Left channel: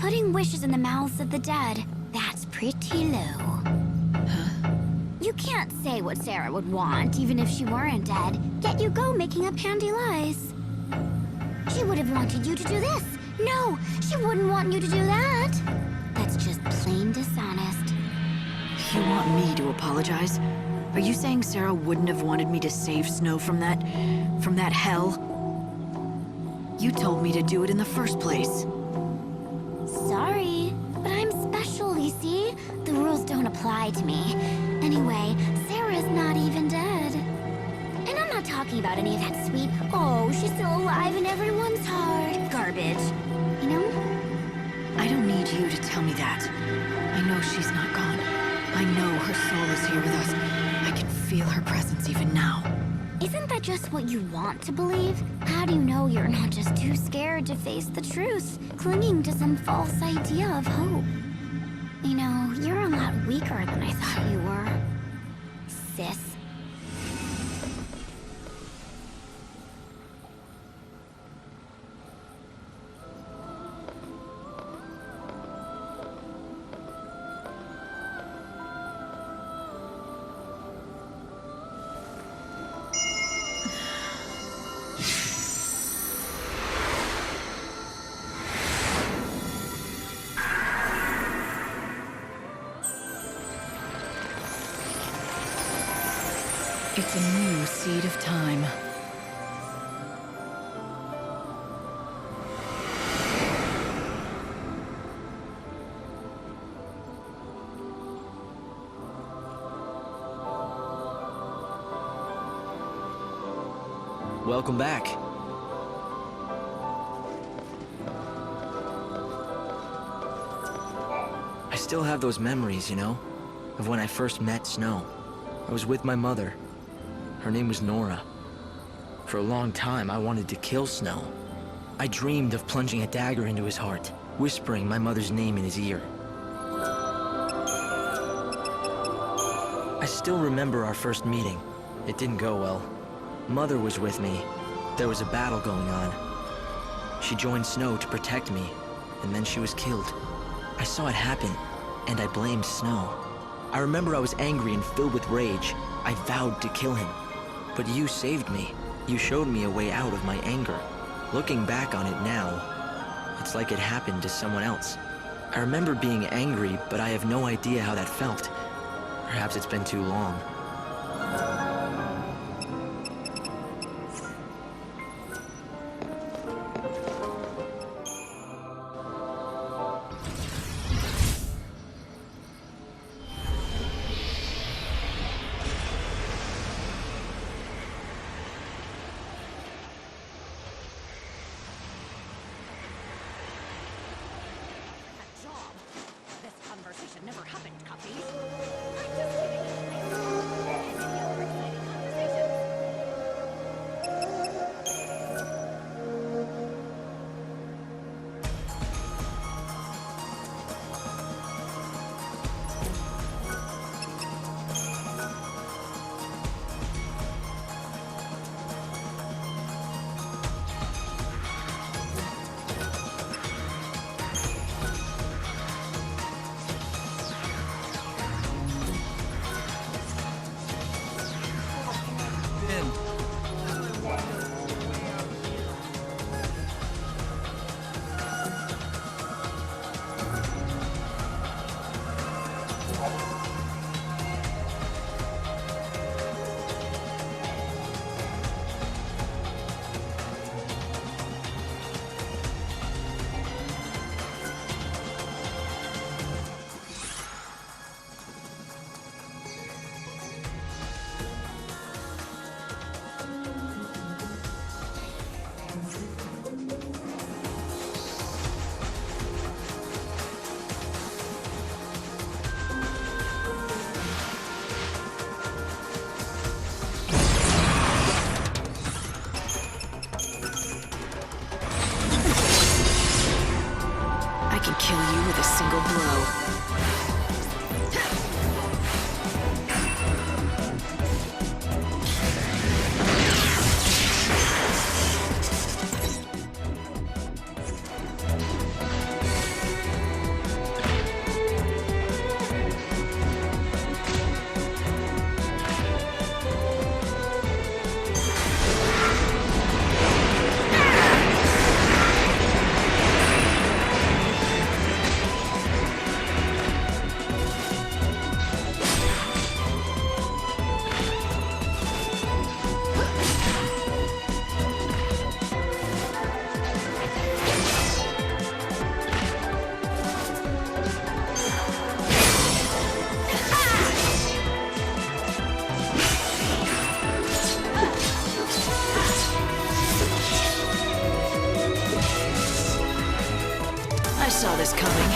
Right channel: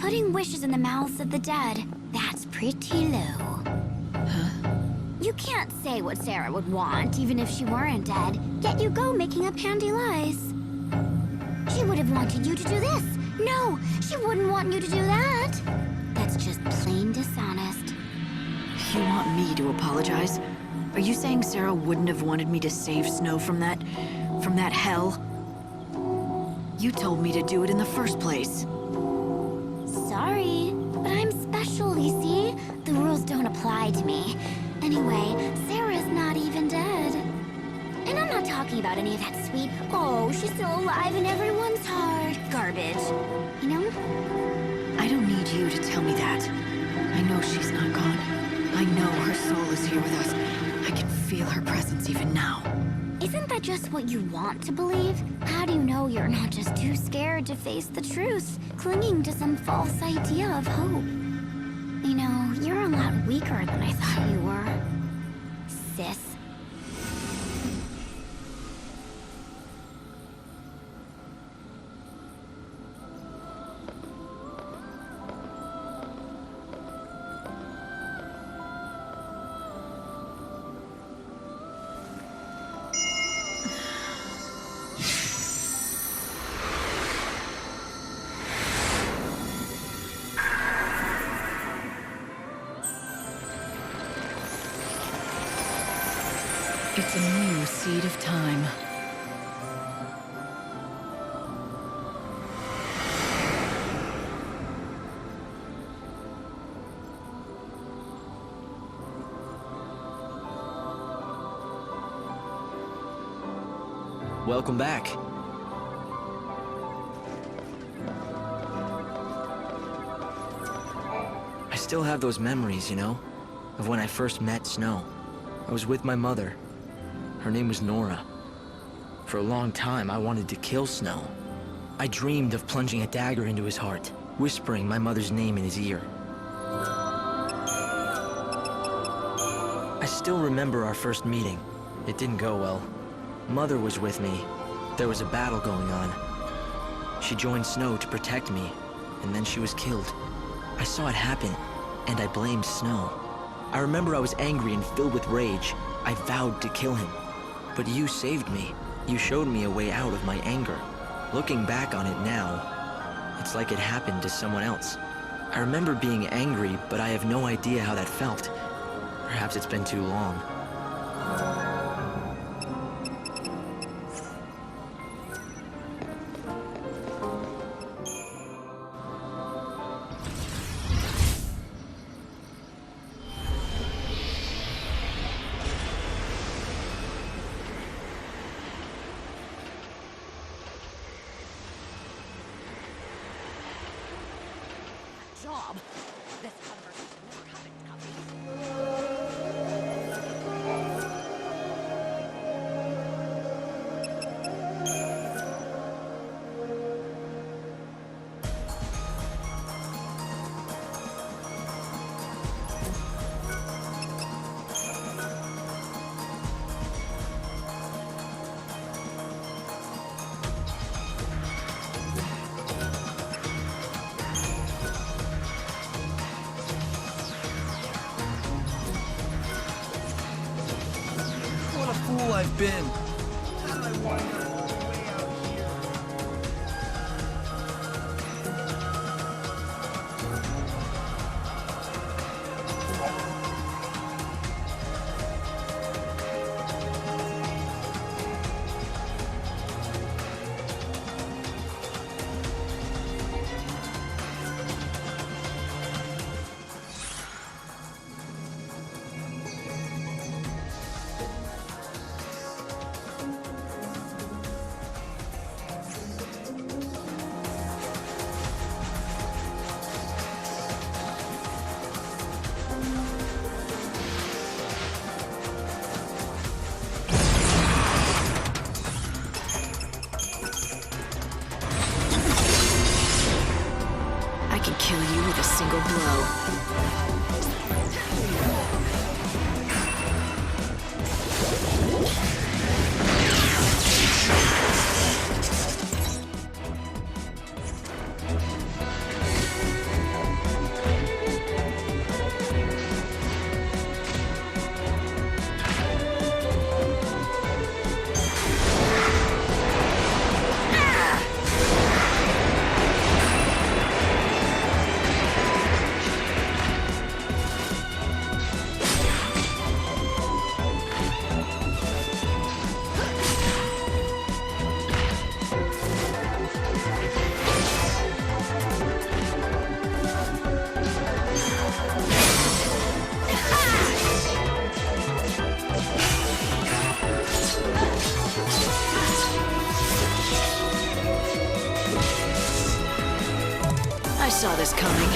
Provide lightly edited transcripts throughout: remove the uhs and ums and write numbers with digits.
Putting wishes in the mouths of the dead, that's pretty low. Huh? You can't say what Sarah would want, even if she weren't dead, yet you go making up handy lies. She would have wanted you to do this. No, she wouldn't want you to do that. That's just plain dishonest. You want me to apologize? Are you saying Sarah wouldn't have wanted me to save Snow from that hell? You told me to do it in the first place. Sorry, but I'm special, you see? The rules don't apply to me. Anyway, Sarah's not even dead. And I'm not talking about any of that sweet, oh, she's still alive in everyone's heart garbage. You know? I don't need you to tell me that. I know she's not gone. I know her soul is here with us. I can feel her presence even now. Isn't that just what you want to believe? How do you know you're not just too scared to face the truth, clinging to some false idea of hope? You know, you're a lot weaker than I thought you were, sis. It's a new seed of time. Welcome back. I still have those memories, you know, of when I first met Snow. I was with my mother. Her name was Nora. For a long time, I wanted to kill Snow. I dreamed of plunging a dagger into his heart, whispering my mother's name in his ear. I still remember our first meeting. It didn't go well. Mother was with me. There was a battle going on. She joined Snow to protect me, and then she was killed. I saw it happen, and I blamed Snow. I remember I was angry and filled with rage. I vowed to kill him. But you saved me. You showed me a way out of my anger. Looking back on it now, it's like it happened to someone else. I remember being angry, but I have no idea how that felt. Perhaps it's been too long. This conversation never happened, Coffee. Been. How did I wind up all the way out here? I can kill you with a single blow. saw this coming.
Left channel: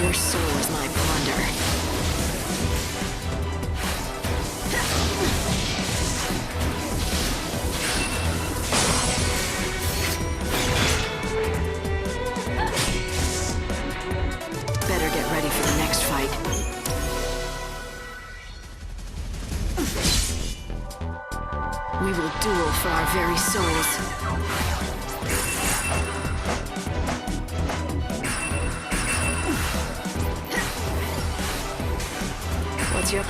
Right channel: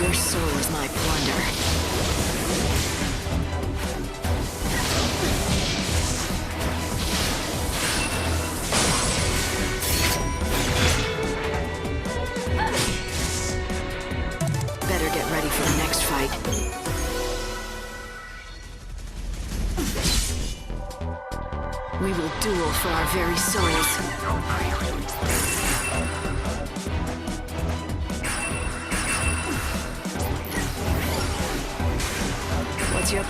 Your soul is my plunder. Better get ready for the next fight. We will duel for our very souls. What's your...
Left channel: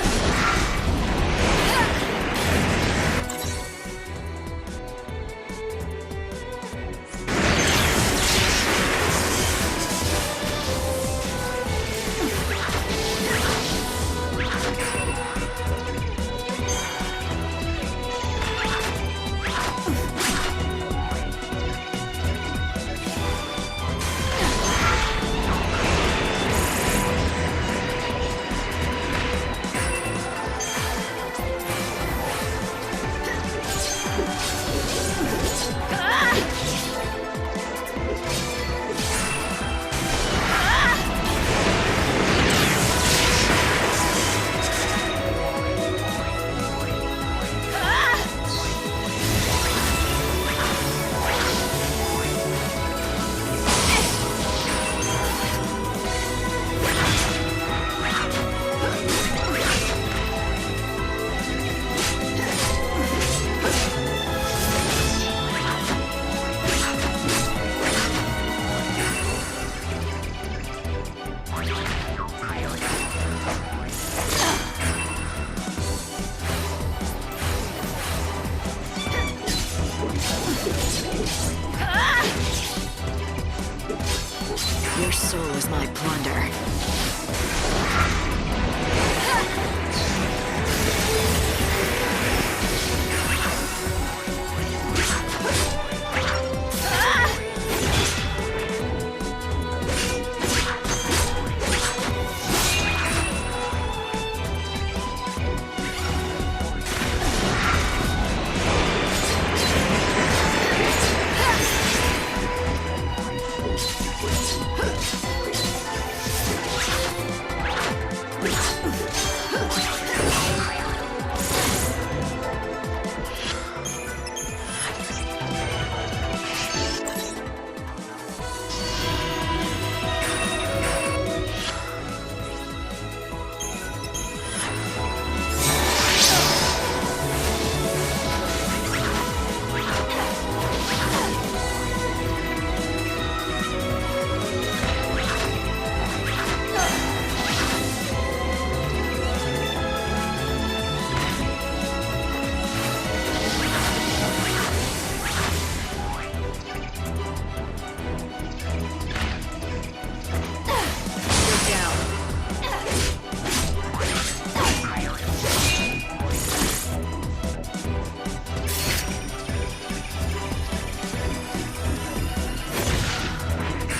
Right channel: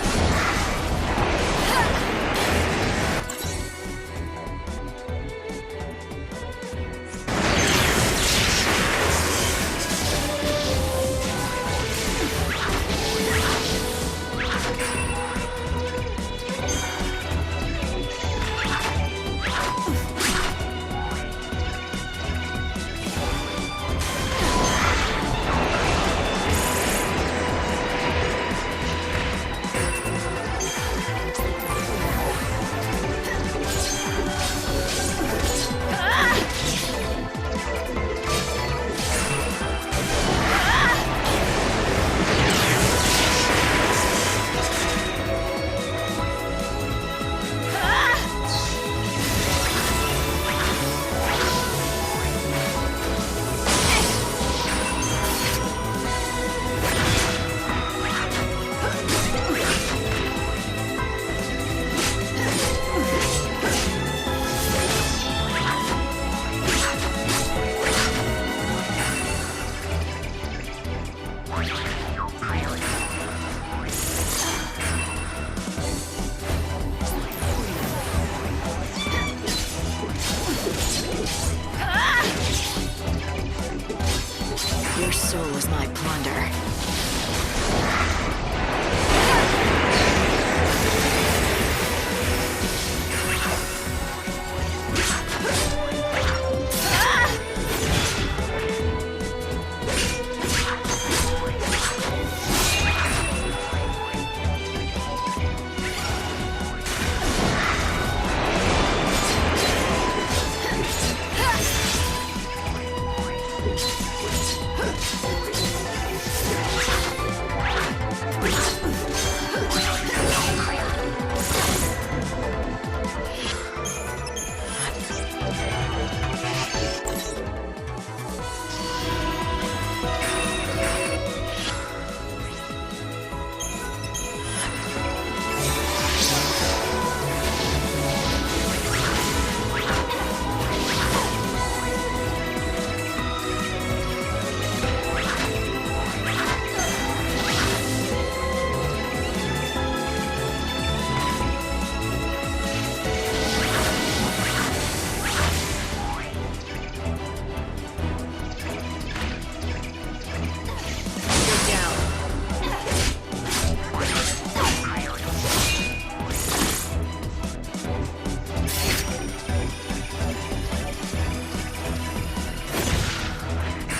Your soul is my plunder.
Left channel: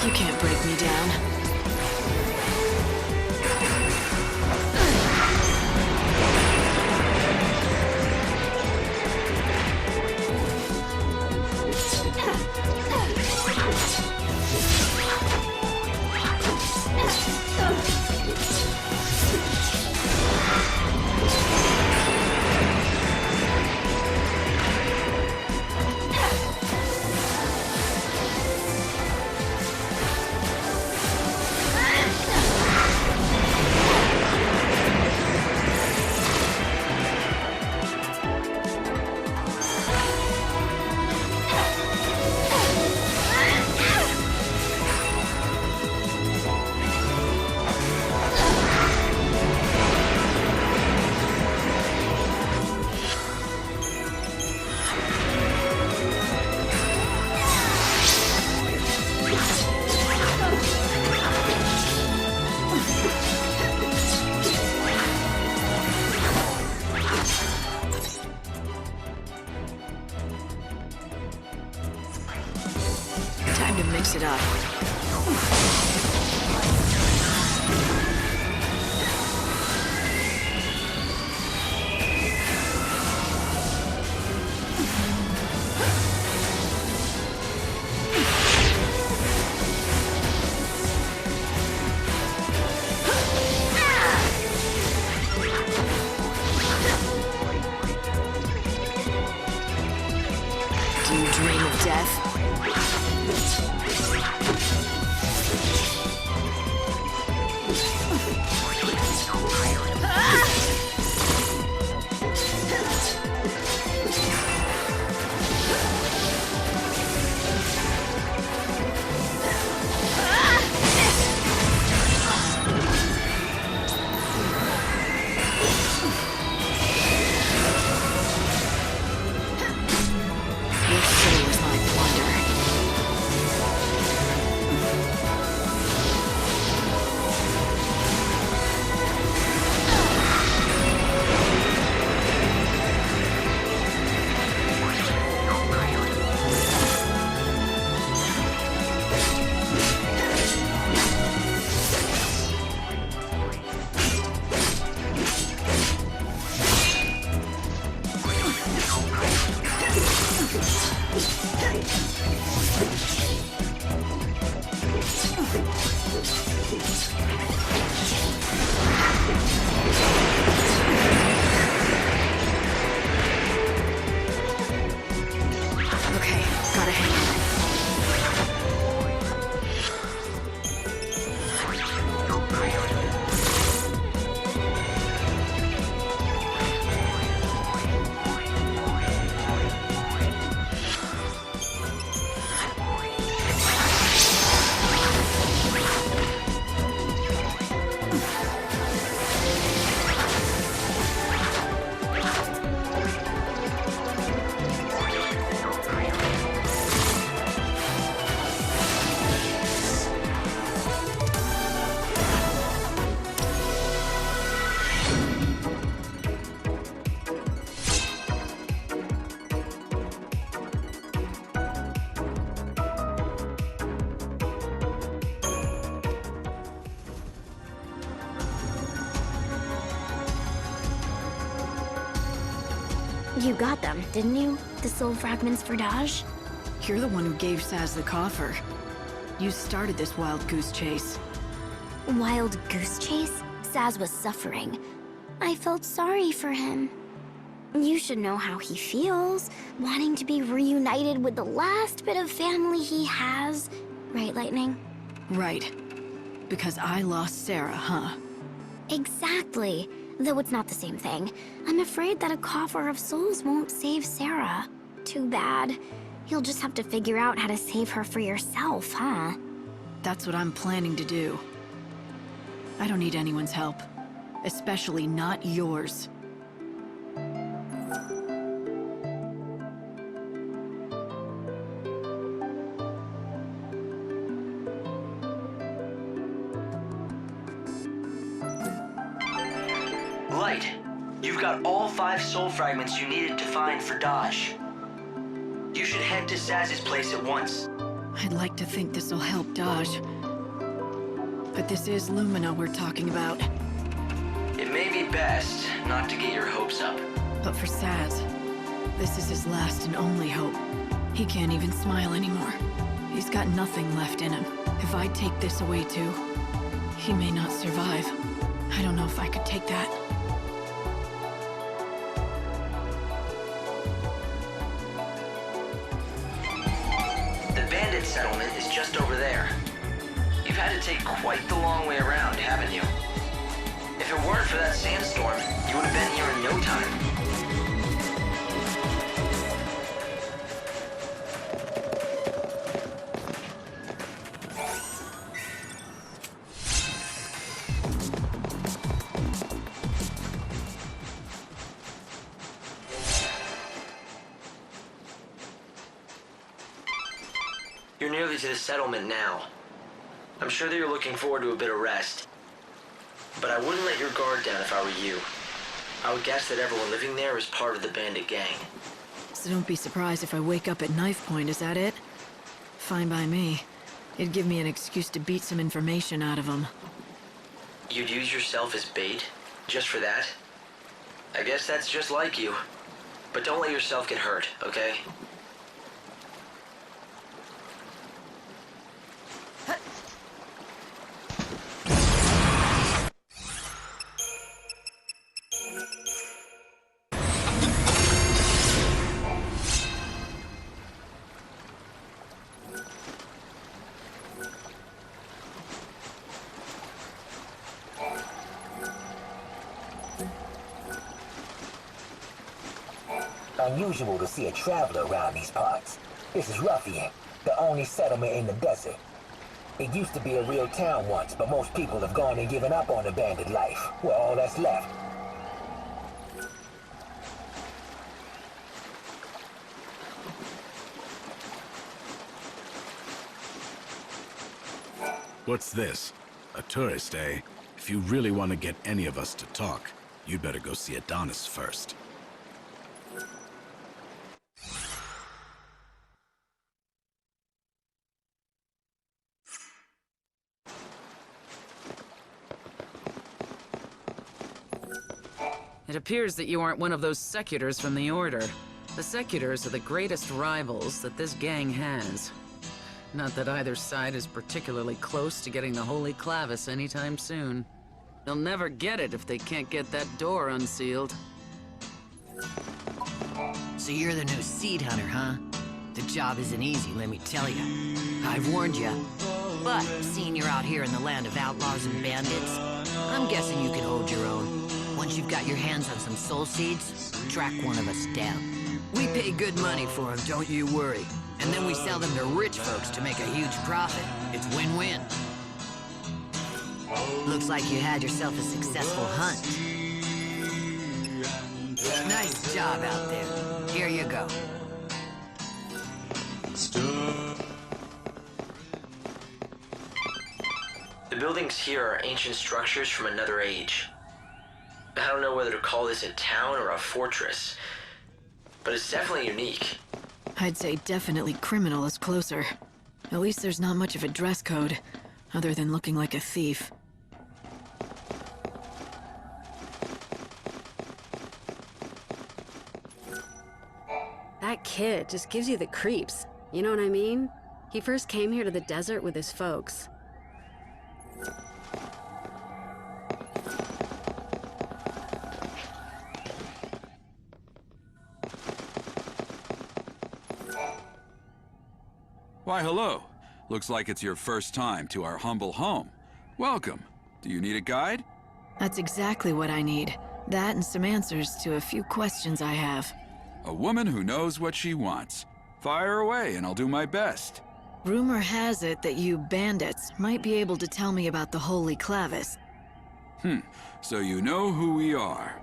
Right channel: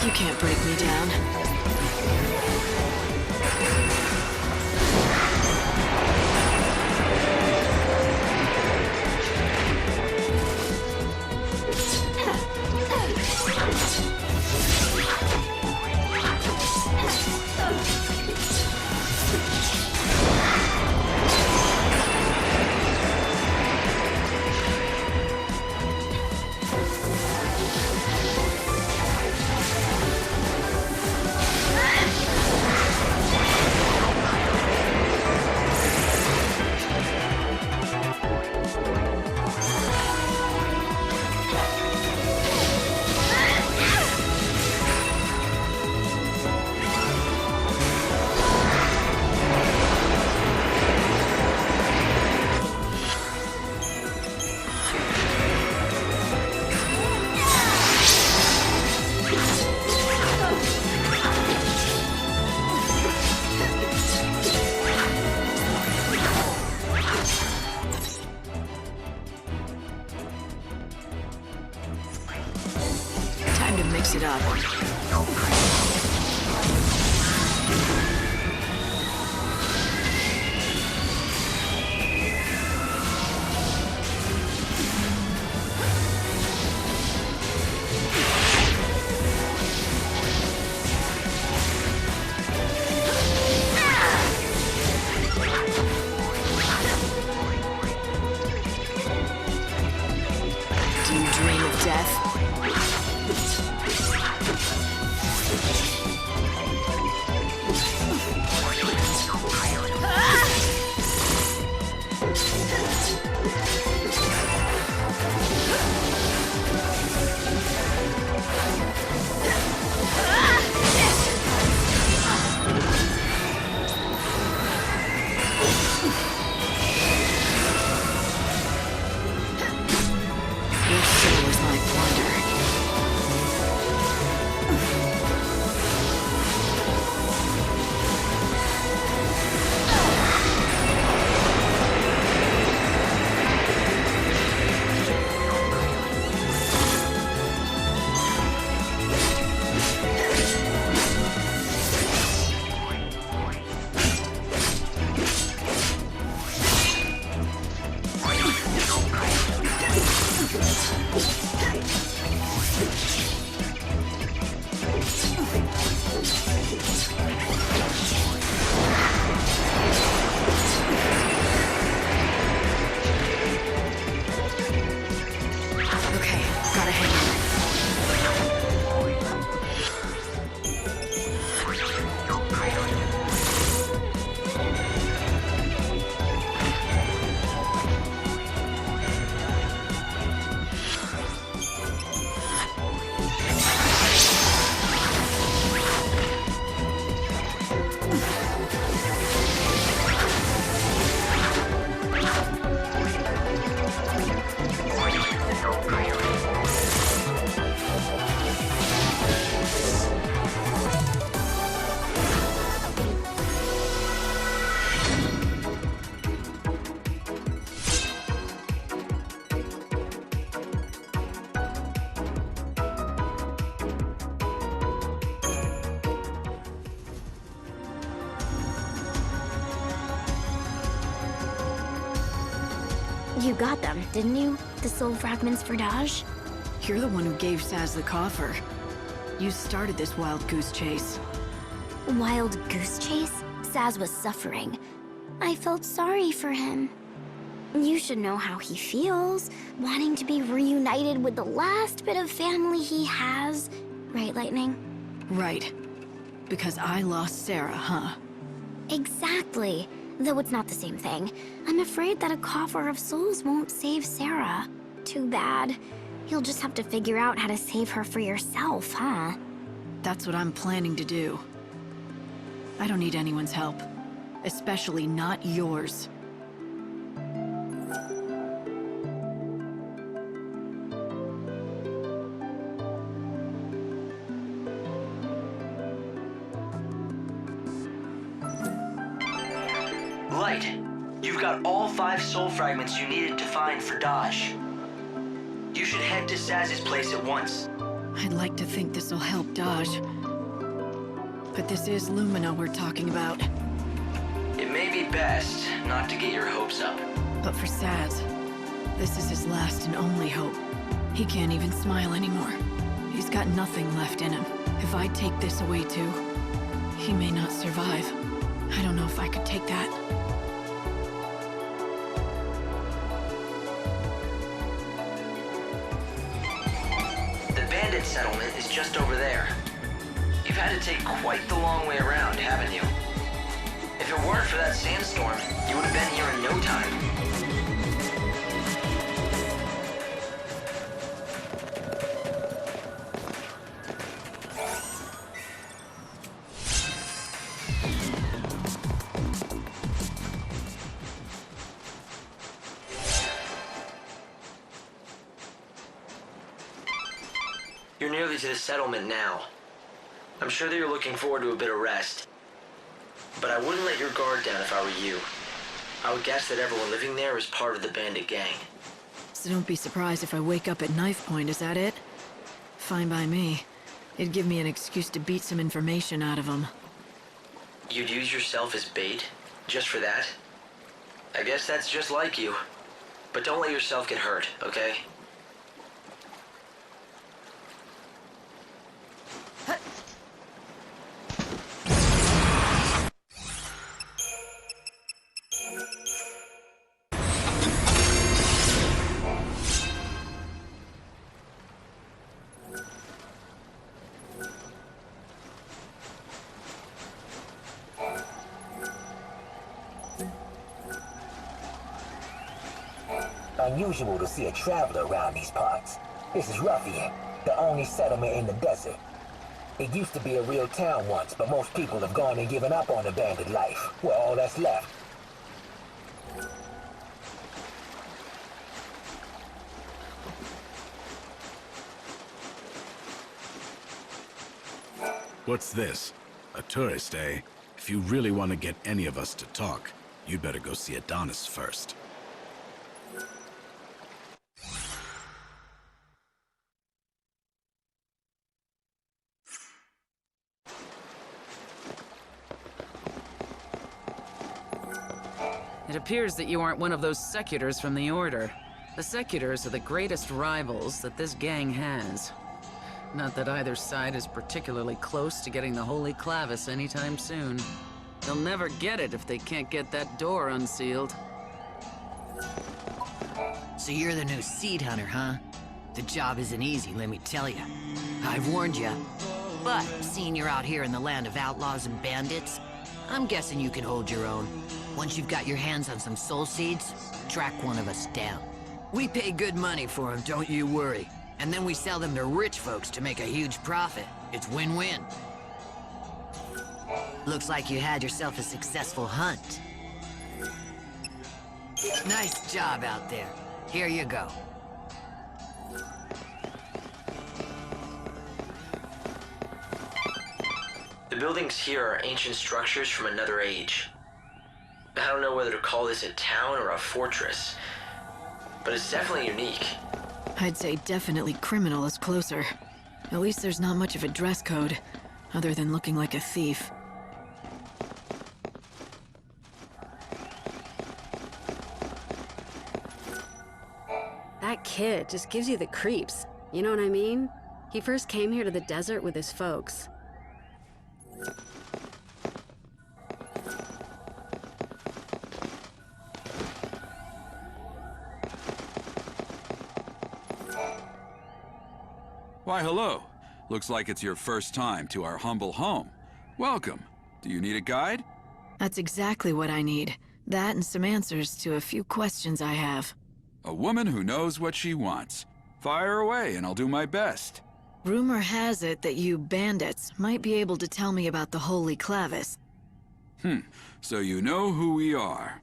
You can't break me down. Time to mix it up. Do you dream of death? Your soul is my plunder. Okay, gotta hang on. You got them, didn't you? The soul fragments for Daj? You're the one who gave Saz the coffer. You started this wild goose chase. Wild goose chase? Saz was suffering. I felt sorry for him. You should know how he feels, wanting to be reunited with the last bit of family he has. Right, Lightning? Right. Because I lost Sarah, huh? Exactly. Though it's not the same thing. I'm afraid that a coffer of souls won't save Sarah. Too bad. You'll just have to figure out how to save her for yourself, huh? That's what I'm planning to do. I don't need anyone's help. Especially not yours. Light, you've got all 5 soul fragments you needed to find for Daj. You should head to Saz's place at once. I'd like to think this'll help Daj. But this is Lumina we're talking about. It may be best not to get your hopes up. But for Saz, this is his last and only hope. He can't even smile anymore. He's got nothing left in him. If I take this away too, he may not survive. I don't know if I could take that. The bandit settlement is just over there. You've had to take quite the long way around, haven't you? If it weren't for that sandstorm, you would have been here in no time. You're nearly to the settlement now. I'm sure that you're looking forward to a bit of rest. But I wouldn't let your guard down if I were you. I would guess that everyone living there is part of the bandit gang. So don't be surprised if I wake up at knife point, is that it? fine by me. It'd give me an excuse to beat some information out of him. You'd use yourself as bait? Just for that? I guess that's just like you. But don't let yourself get hurt, okay? Unusual to see a traveler around these parts. This is Ruffian, the only settlement in the desert. It used to be a real town once, but most people have gone and given up on the bandit life. We're all that's left. What's this? A tourist, eh? If you really want to get any of us to talk, you'd better go see Adonis first. It appears that you aren't one of those secutors from the Order. The secutors are the greatest rivals that this gang has. Not that either side is particularly close to getting the Holy Clavis anytime soon. They'll never get it if they can't get that door unsealed. So you're the new seed hunter, huh? The job isn't easy, let me tell you. I've warned you. But seeing you're out here in the land of outlaws and bandits, I'm guessing you can hold your own. Once you've got your hands on some soul seeds, track one of us down. We pay good money for them, don't you worry. And then we sell them to rich folks to make a huge profit. It's win-win. Looks like you had yourself a successful hunt. Nice job out there. Here you go. The buildings here are ancient structures from another age. I don't know whether to call this a town or a fortress, but it's definitely unique. I'd say definitely criminal is closer. At least there's not much of a dress code, other than looking like a thief. That kid just gives you the creeps. You know what I mean? He first came here to the desert with his folks. Why, hello. Looks like it's your first time to our humble home. Welcome. Do you need a guide? That's exactly what I need. That and some answers to a few questions I have. A woman who knows what she wants. Fire away and I'll do my best. Rumor has it that you bandits might be able to tell me about the Holy Clavis. So you know who we are.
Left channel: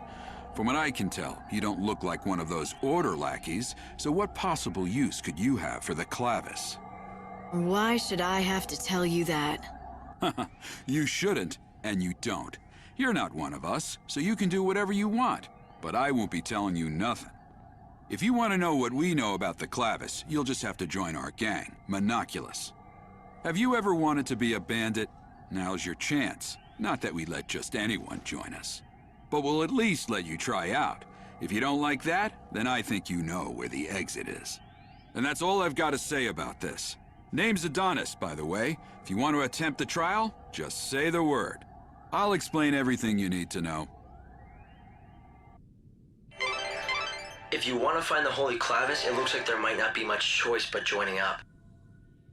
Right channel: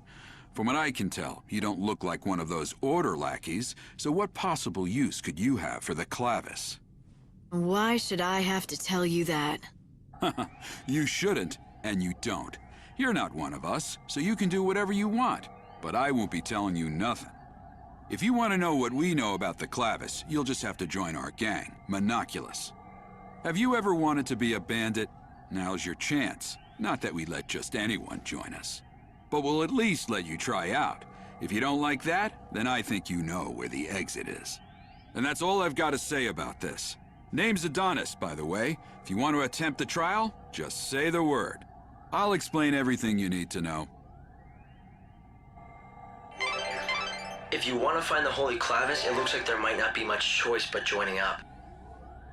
From what I can tell, you don't look like one of those Order lackeys, so what possible use could you have for the Clavis? Why should I have to tell you that? You shouldn't, and you don't. You're not one of us, so you can do whatever you want, but I won't be telling you nothing. If you want to know what we know about the Clavis, you'll just have to join our gang, Monoculus. Have you ever wanted to be a bandit? Now's your chance. Not that we let just anyone join us. But we'll at least let you try out. If you don't like that, then I think you know where the exit is. And that's all I've got to say about this. Name's Adonis, by the way. If you want to attempt the trial, just say the word. I'll explain everything you need to know. If you want to find the Holy Clavis, it looks like there might not be much choice but joining up.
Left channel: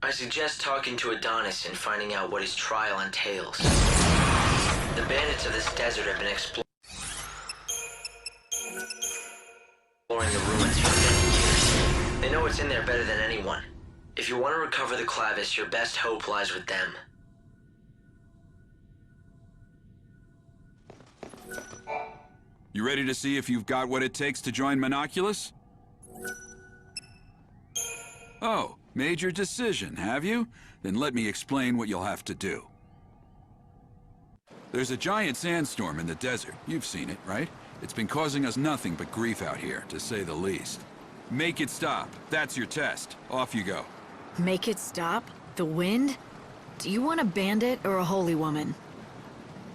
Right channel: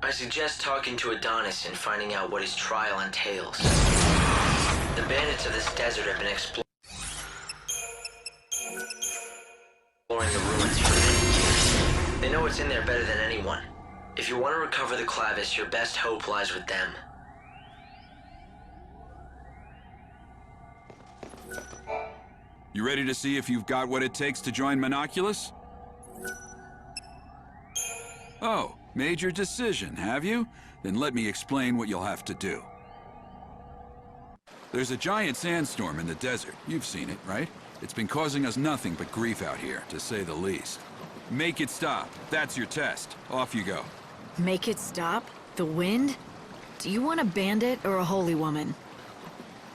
I suggest talking to Adonis and finding out what his trial entails. The bandits of this desert have been exploring the ruins for many years. They know what's in there better than anyone. If you want to recover the Clavis, your best hope lies with them. You ready to see if you've got what it takes to join Monoculus? Oh, made your decision, have you? Then let me explain what you'll have to do. There's a giant sandstorm in the desert. You've seen it, right? It's been causing us nothing but grief out here, to say the least. Make it stop. That's your test. Off you go. Make it stop? The wind? Do you want a bandit or a holy woman?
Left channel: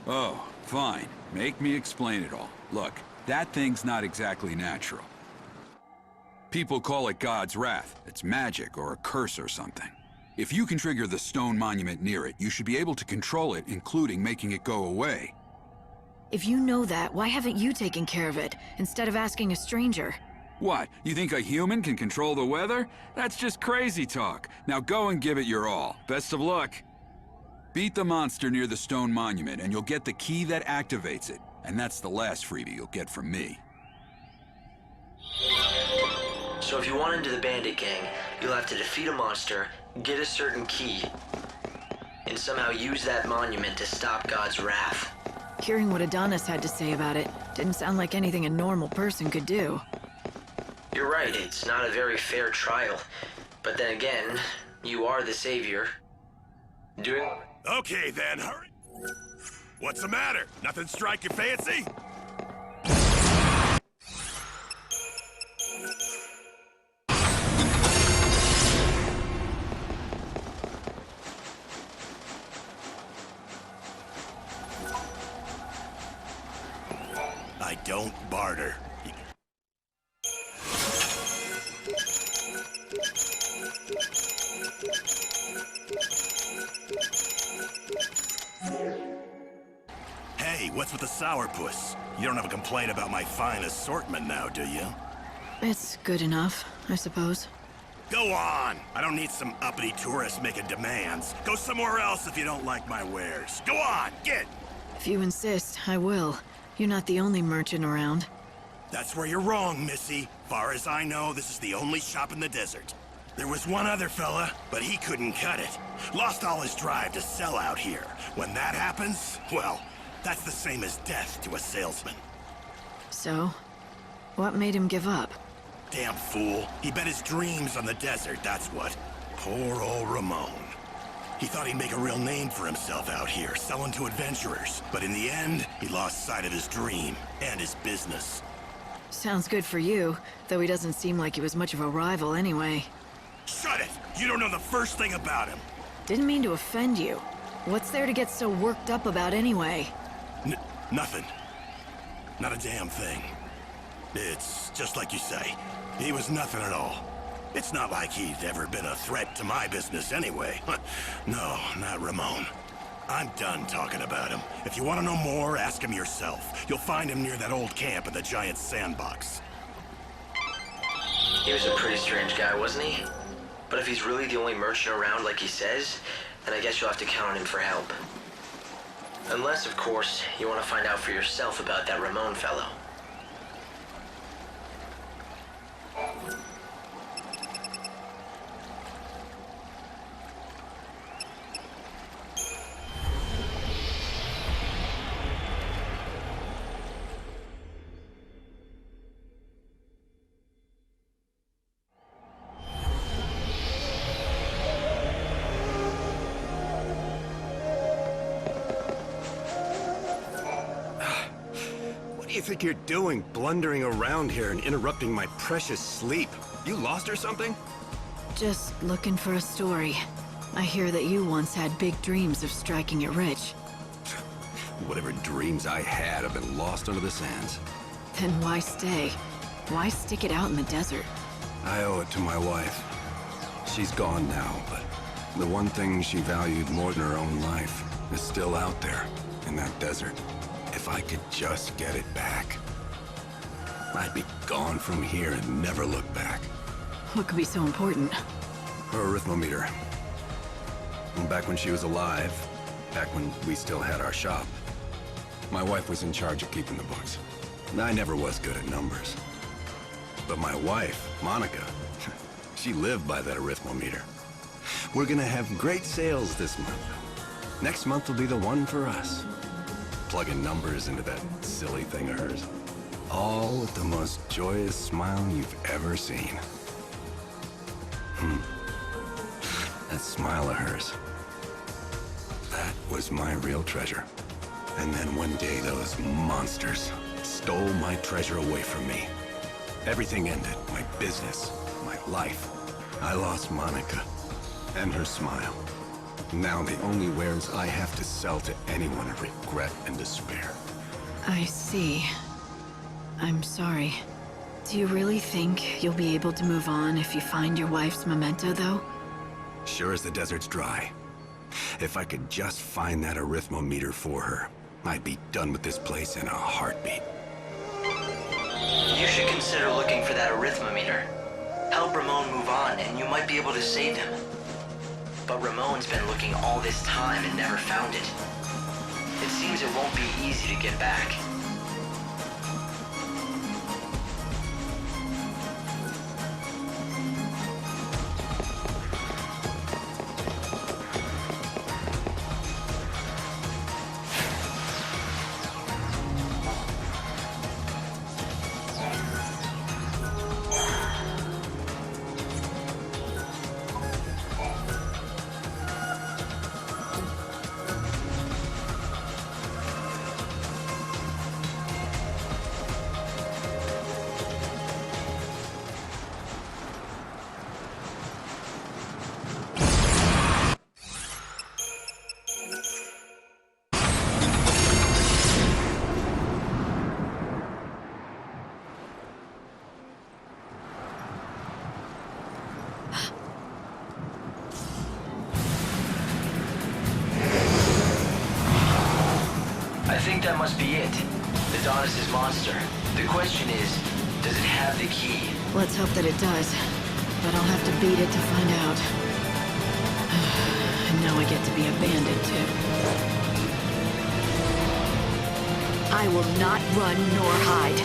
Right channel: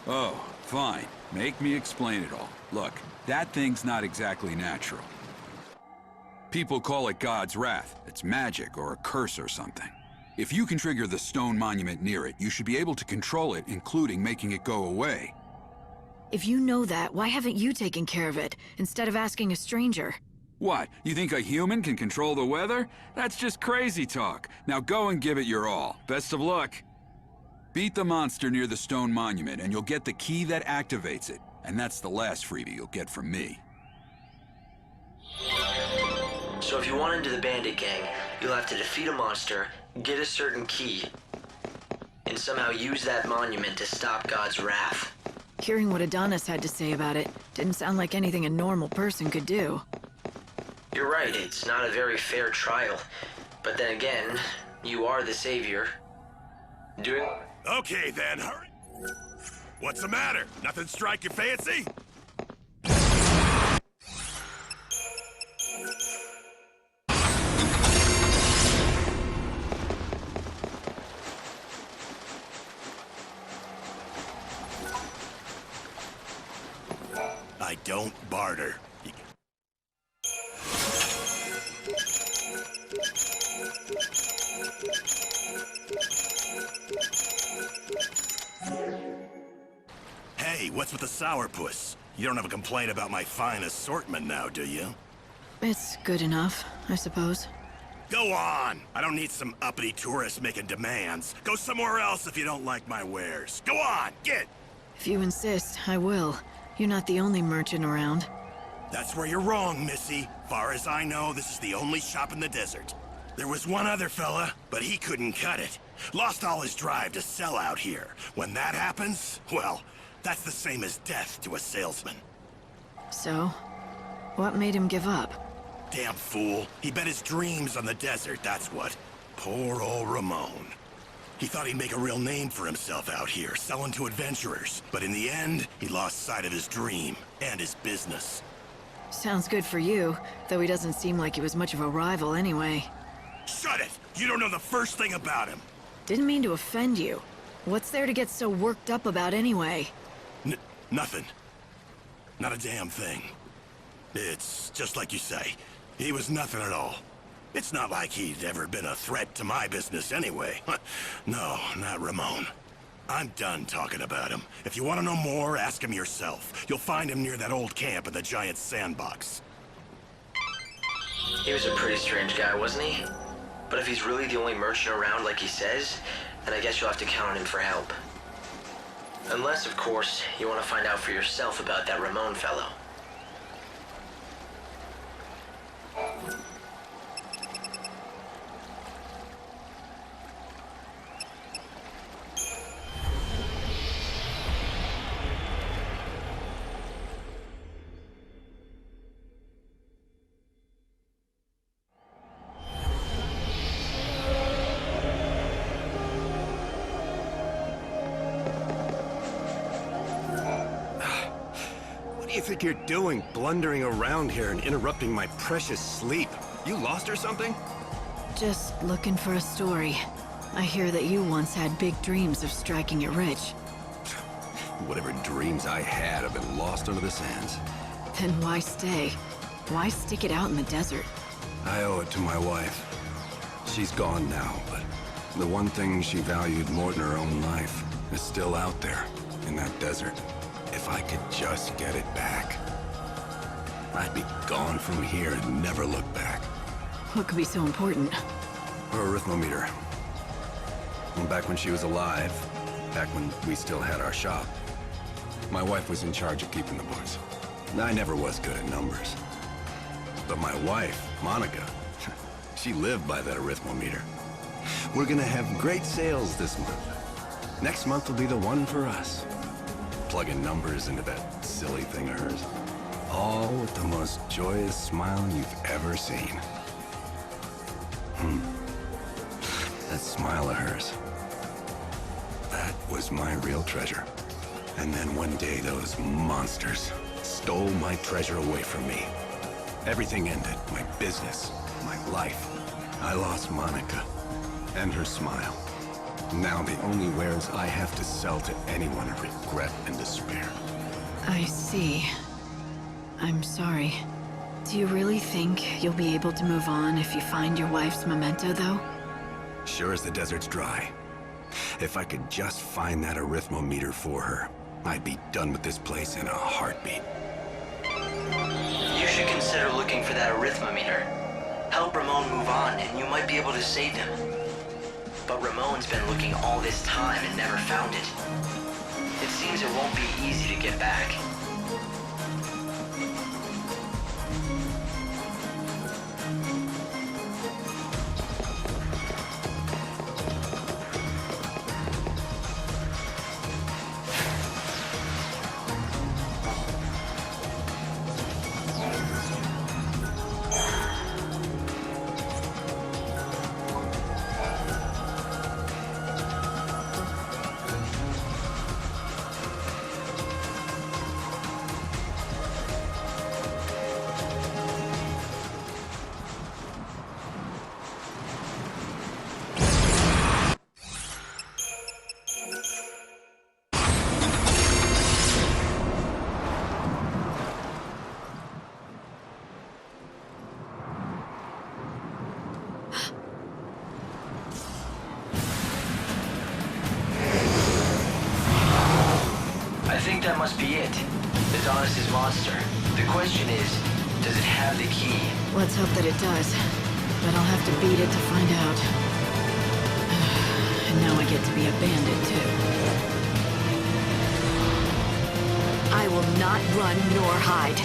Oh, fine. Make me explain it all. Look, that thing's not exactly natural. People call it God's wrath. It's magic or a curse or something. If you can trigger the stone monument near it, you should be able to control it, including making it go away. If you know that, why haven't you taken care of it, instead of asking a stranger? What, you think a human can control the weather? That's just crazy talk. Now go and give it your all. Best of luck. Beat the monster near the stone monument, and you'll get the key that activates it. And that's the last freebie you'll get from me. So if you want into the bandit gang, you'll have to defeat a monster, get a certain key, and somehow use that monument to stop God's wrath. Hearing what Adonis had to say about it didn't sound like anything a normal person could do. You're right, it's not a very fair trial. But then again, you are the savior. Okay then, hurry. What's the matter? Nothing strike your fancy? I don't barter. Hey, what's with the sourpuss? You don't have a complaint about my fine assortment now, do you? It's good enough, I suppose. Go on! I don't need some uppity tourists making demands. Go somewhere else if you don't like my wares. Go on, get! If you insist, I will. You're not the only merchant around. That's where you're wrong, Missy. Far as I know, this is the only shop in the desert. There was one other fella, but he couldn't cut it. Lost all his drive to sell out here. When that happens, well, that's the same as death to a salesman. So, what made him give up? Damn fool. He bet his dreams on the desert, that's what. Poor old Ramon. He thought he'd make a real name for himself out here, selling to adventurers. But in the end, he lost sight of his dream and his business. Sounds good for you, though he doesn't seem like he was much of a rival anyway. Shut it! You don't know the first thing about him! Didn't mean to offend you. What's there to get so worked up about anyway? Nothing. Not a damn thing. It's just like you say. He was nothing at all. It's not like he'd ever been a threat to my business anyway. No, not Ramon. I'm done talking about him. If you want to know more, ask him yourself. You'll find him near that old camp in the giant sandbox. He was a pretty strange guy, wasn't he? But if he's really the only merchant around like he says, then I guess you'll have to count on him for help. Unless, of course, you want to find out for yourself about that Ramon fellow. What do you think you're doing, blundering around here and interrupting my precious sleep? You lost or something? Just looking for a story. I hear that you once had big dreams of striking it rich. Whatever dreams I had have been lost under the sands. Then why stay? Why stick it out in the desert? I owe it to my wife. She's gone now, but the one thing she valued more than her own life is still out there in that desert. If I could just get it back, I'd be gone from here and never look back. What could be so important? Her arithmometer. Back when she was alive, back when we still had our shop, my wife was in charge of keeping the books. I never was good at numbers. But my wife, Monica, she lived by that arithmometer. We're gonna have great sales this month. Next month will be the one for us. Plugging numbers into that silly thing of hers. All with the most joyous smile you've ever seen. That smile of hers. That was my real treasure. And then one day those monsters stole my treasure away from me. Everything ended. My business, my life. I lost Monica. And her smile. Now the only wares I have to sell to anyone are regret and despair. I see. I'm sorry. Do you really think you'll be able to move on if you find your wife's memento, though? Sure as the desert's dry. If I could just find that arithmometer for her, I'd be done with this place in a heartbeat. You should consider looking for that arithmometer. Help Ramon move on, and you might be able to save him. But Ramon's been looking all this time and never found it. It seems it won't be easy to get back. I think that must be it. Adonis's monster. The question is, does it have the key? Let's hope that it does. But I'll have to beat it to find out. And now I get to be a bandit, too. I will not run nor hide.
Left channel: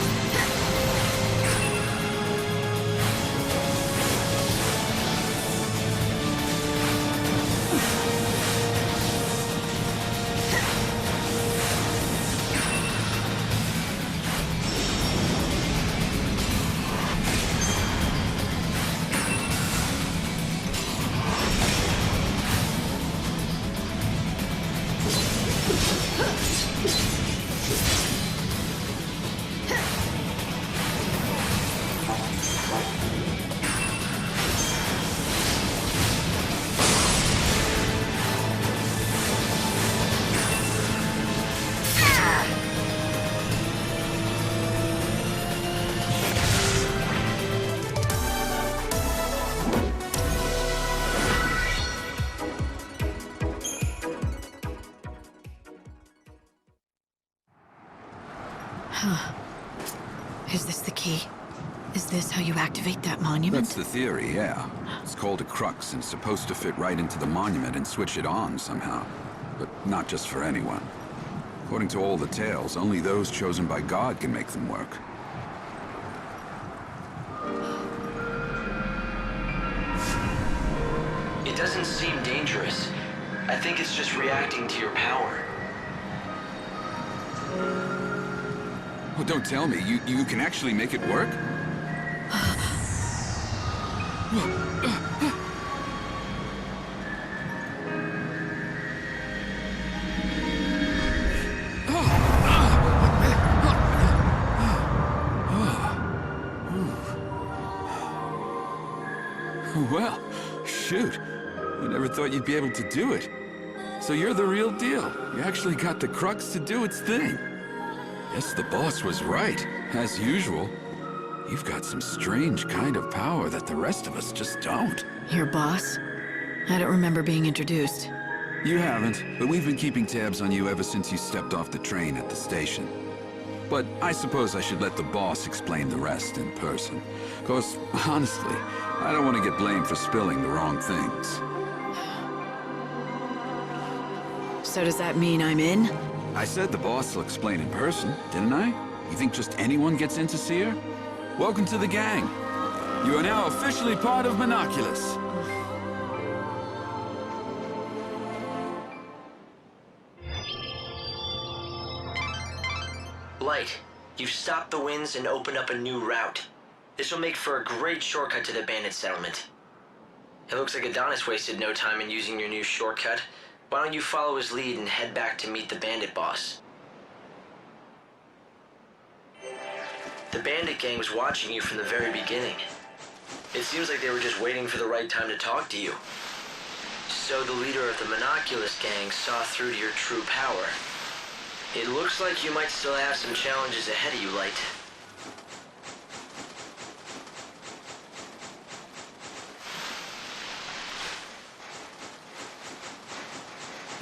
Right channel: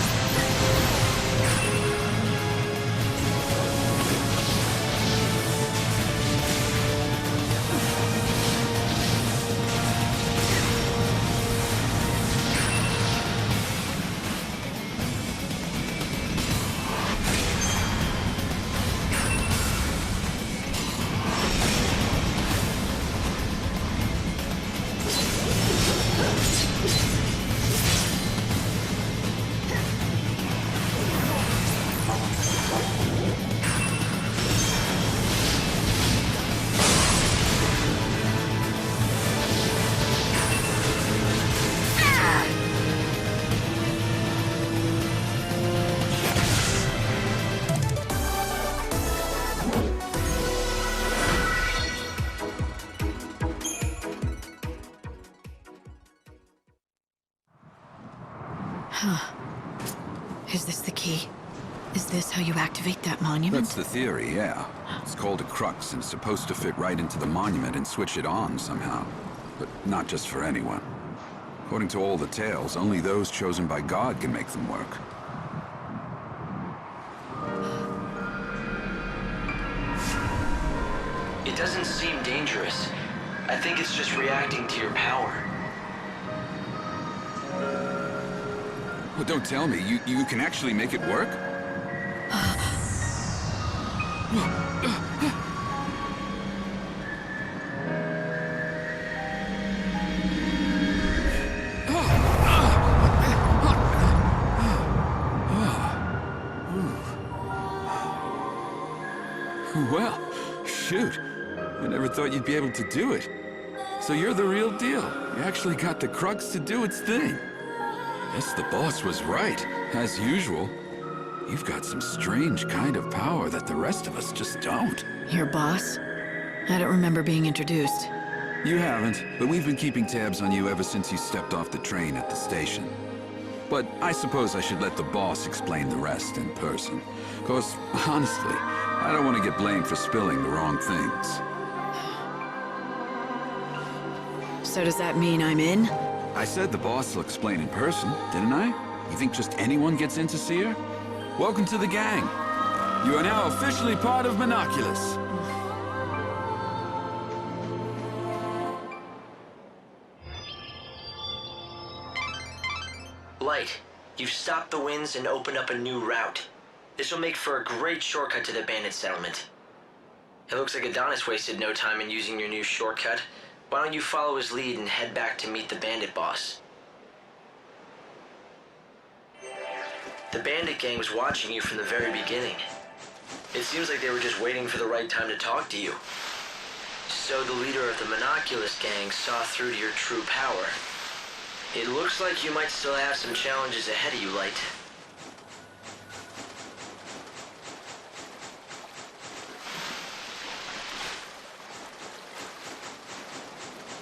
Is this the key? Is this how you activate that monument? That's the theory, yeah. It's called a crux and it's supposed to fit right into the monument and switch it on somehow. But not just for anyone. According to all the tales, only those chosen by God can make them work. It doesn't seem dangerous. I think it's just reacting to your power. Well, don't tell me. You can actually make it work? Well, shoot. I never thought you'd be able to do it. So you're the real deal. You actually got the crux to do its thing. Guess the boss was right, as usual. You've got some strange kind of power that the rest of us just don't. Your boss? I don't remember being introduced. You haven't, but we've been keeping tabs on you ever since you stepped off the train at the station. But I suppose I should let the boss explain the rest in person. 'Cause, honestly, I don't want to get blamed for spilling the wrong things. So does that mean I'm in? I said the boss will explain in person, didn't I? You think just anyone gets in to see her? Welcome to the gang. You are now officially part of Monoculus. Light, you've stopped the winds and opened up a new route. This will make for a great shortcut to the bandit settlement. It looks like Adonis wasted no time in using your new shortcut. Why don't you follow his lead and head back to meet the bandit boss? The bandit gang was watching you from the very beginning. It seems like they were just waiting for the right time to talk to you. So the leader of the Monoculus gang saw through to your true power. It looks like you might still have some challenges ahead of you, Light.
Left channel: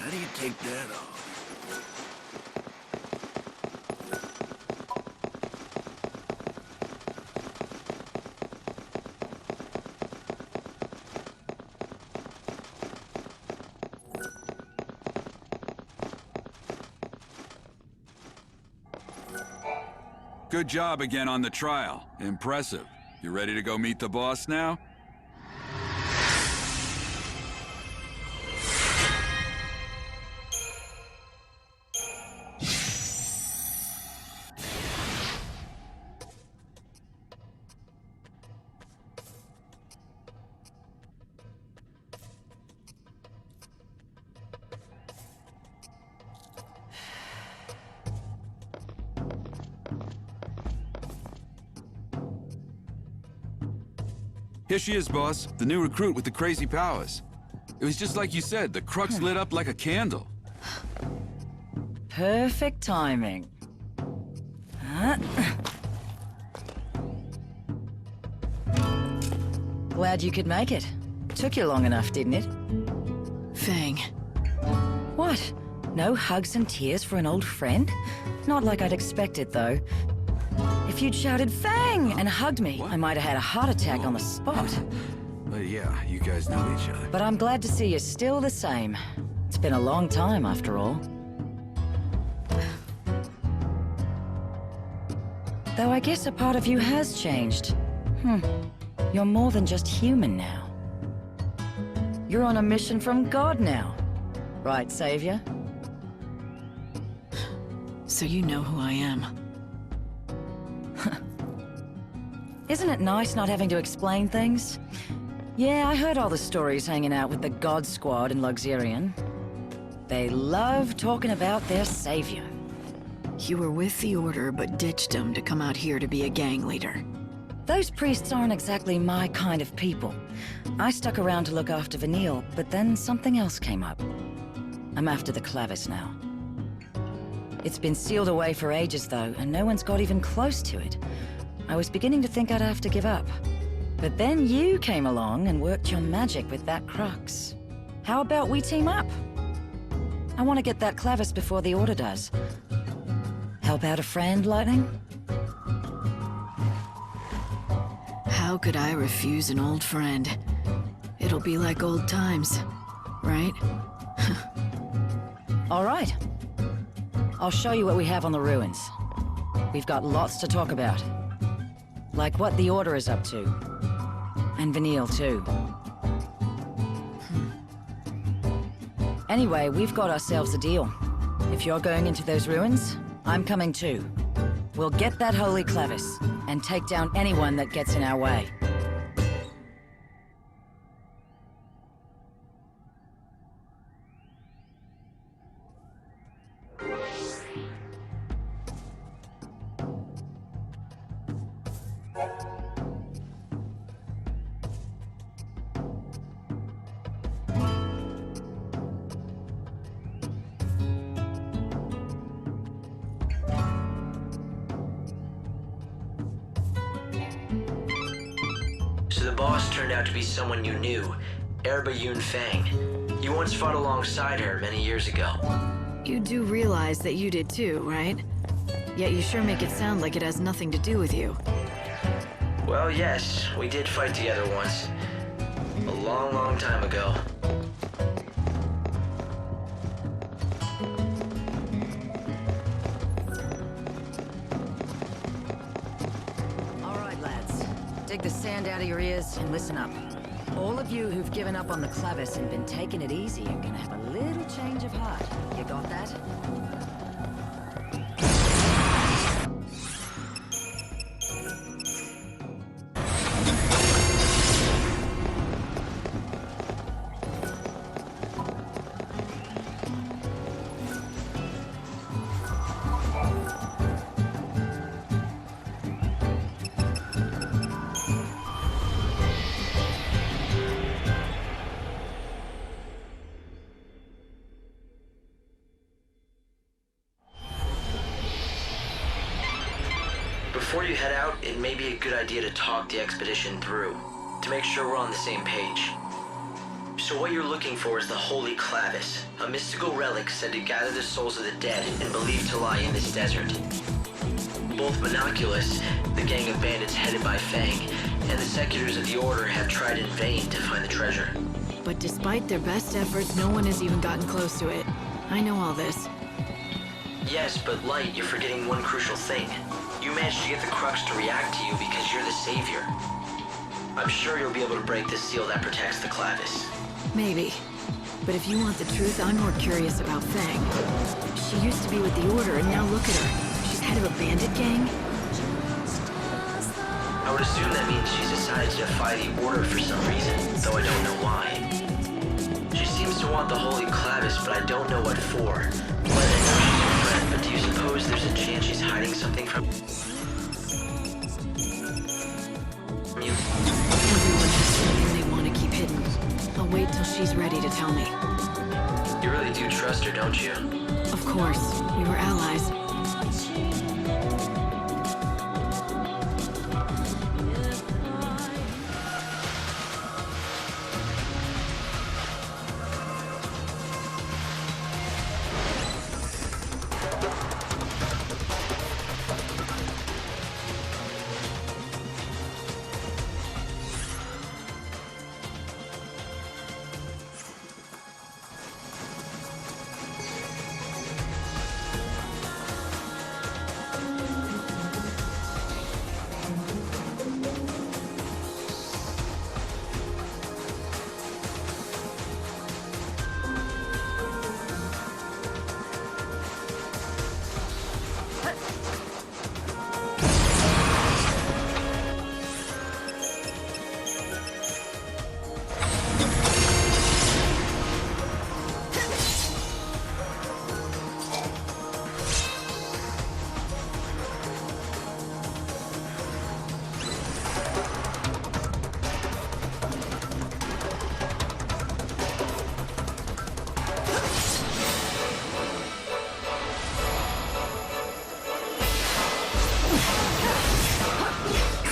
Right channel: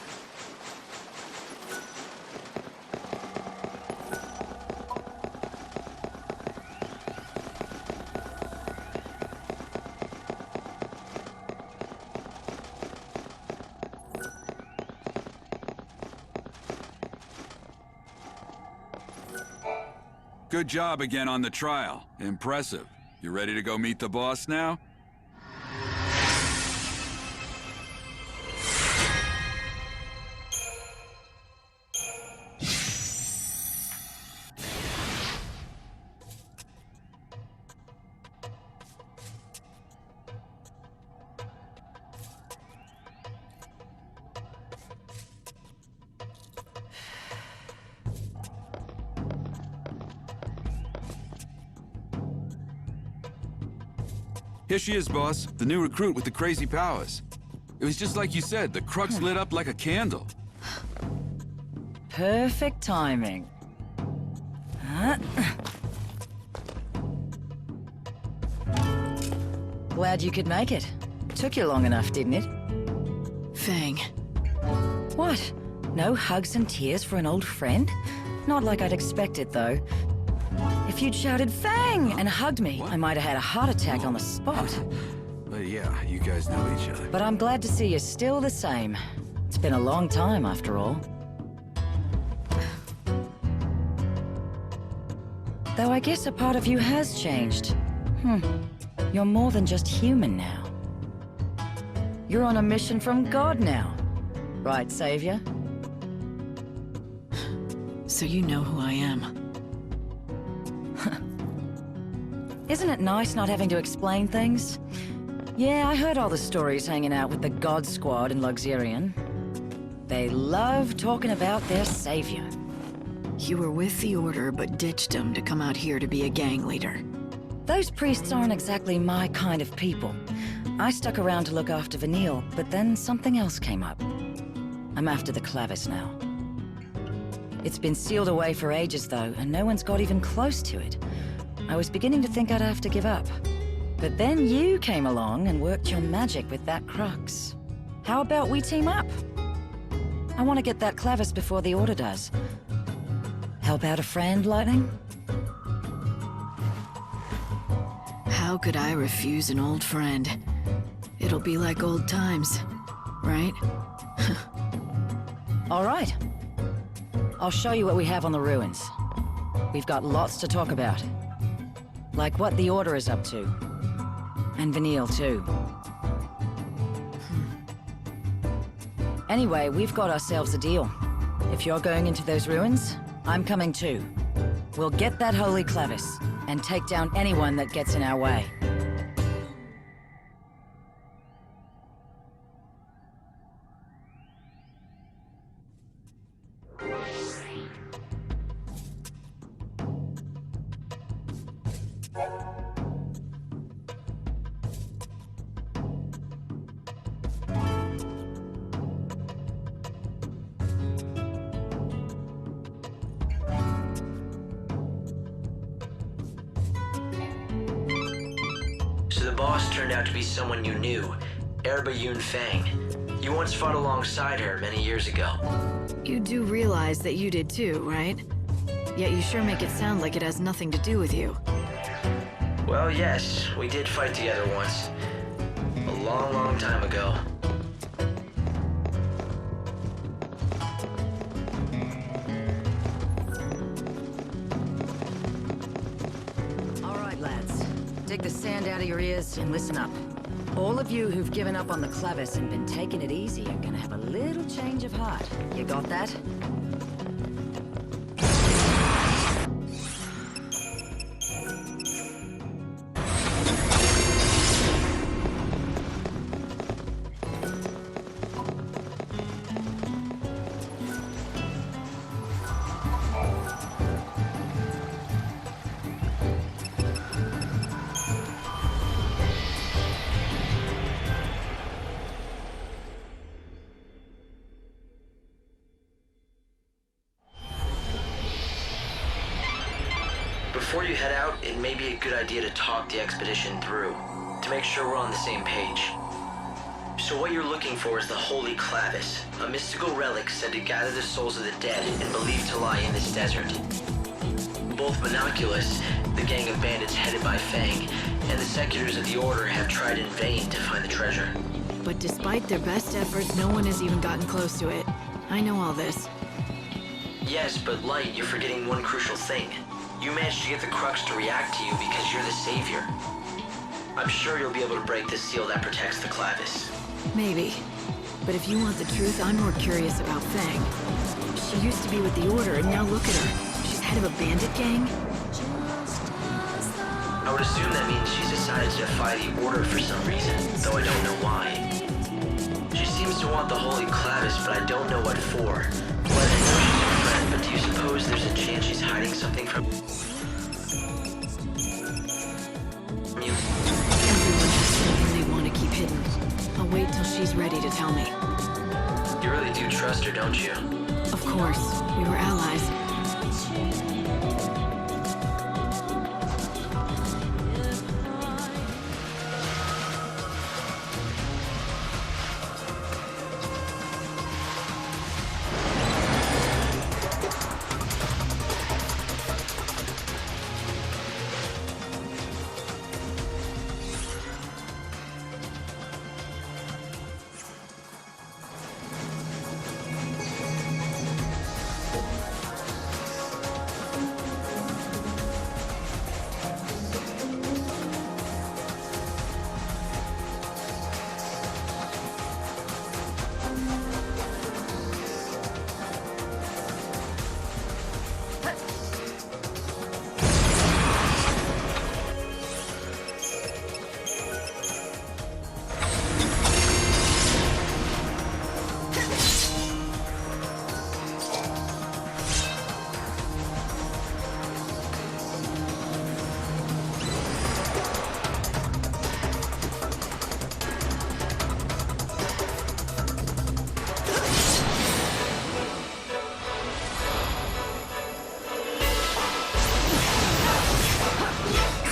How do you take that off? Good job again on the trial. Impressive. You ready to go meet the boss now? Here she is, boss. The new recruit with the crazy powers. It was just like you said, the crux lit up like a candle. Perfect timing. Glad you could make it. Took you long enough, didn't it? Fang. What? No hugs and tears for an old friend? Not like I'd expected, though. If you'd shouted Fang and hugged me, I might have had a heart attack on the spot. But yeah, you guys know each other. But I'm glad to see you're still the same. It's been a long time, after all. Though I guess a part of you has changed. You're more than just human now. You're on a mission from God now. Right, Savior? So you know who I am. Isn't it nice not having to explain things? Yeah, I heard all the stories hanging out with the God Squad in Luxurion. They love talking about their savior. You were with the Order, but ditched them to come out here to be a gang leader. Those priests aren't exactly my kind of people. I stuck around to look after Vanille, but then something else came up. I'm after the Clavis now. It's been sealed away for ages, though, and no one's got even close to it. I was beginning to think I'd have to give up. But then you came along and worked your magic with that crux. How about we team up? I want to get that Clavis before the Order does. Help out a friend, Lightning? How could I refuse an old friend? It'll be like old times, right? All right. I'll show you what we have on the ruins. We've got lots to talk about. Like what the Order is up to. And Vanille, too. Anyway, we've got ourselves a deal. If you're going into those ruins, I'm coming too. We'll get that holy Clavis, and take down anyone that gets in our way. So the boss turned out to be someone you knew, Erba Fang. You once fought alongside her many years ago. You do realize that you did too, right? Yet you sure make it sound like it has nothing to do with you. Well, yes, we did fight together once. A long, long time ago. All right, lads. Dig the sand out of your ears and listen up. All of you who've given up on the Clavis and been taking it easy are gonna have a little change of heart. You got that? Before you head out, it may be a good idea to talk the expedition through, to make sure we're on the same page. So what you're looking for is the Holy Clavis, a mystical relic said to gather the souls of the dead and believed to lie in this desert. Both Monoculus, the gang of bandits headed by Fang, and the Seculars of the Order have tried in vain to find the treasure. But despite their best efforts, no one has even gotten close to it. I know all this. Yes, but Light, you're forgetting one crucial thing. You managed to get the Crux to react to you because you're the savior. I'm sure you'll be able to break the seal that protects the Clavis. Maybe. But if you want the truth, I'm more curious about Fang. She used to be with the Order, and now look at her. She's head of a bandit gang? I would assume that means she's decided to defy the Order for some reason, though I don't know why. She seems to want the Holy Clavis, but I don't know what for. But I know she's your friend, but do you suppose there's a chance she's hiding something from you? Everyone has something they want to keep hidden. I'll wait till she's ready to tell me. You really do trust her, don't you? Of course. We were allies.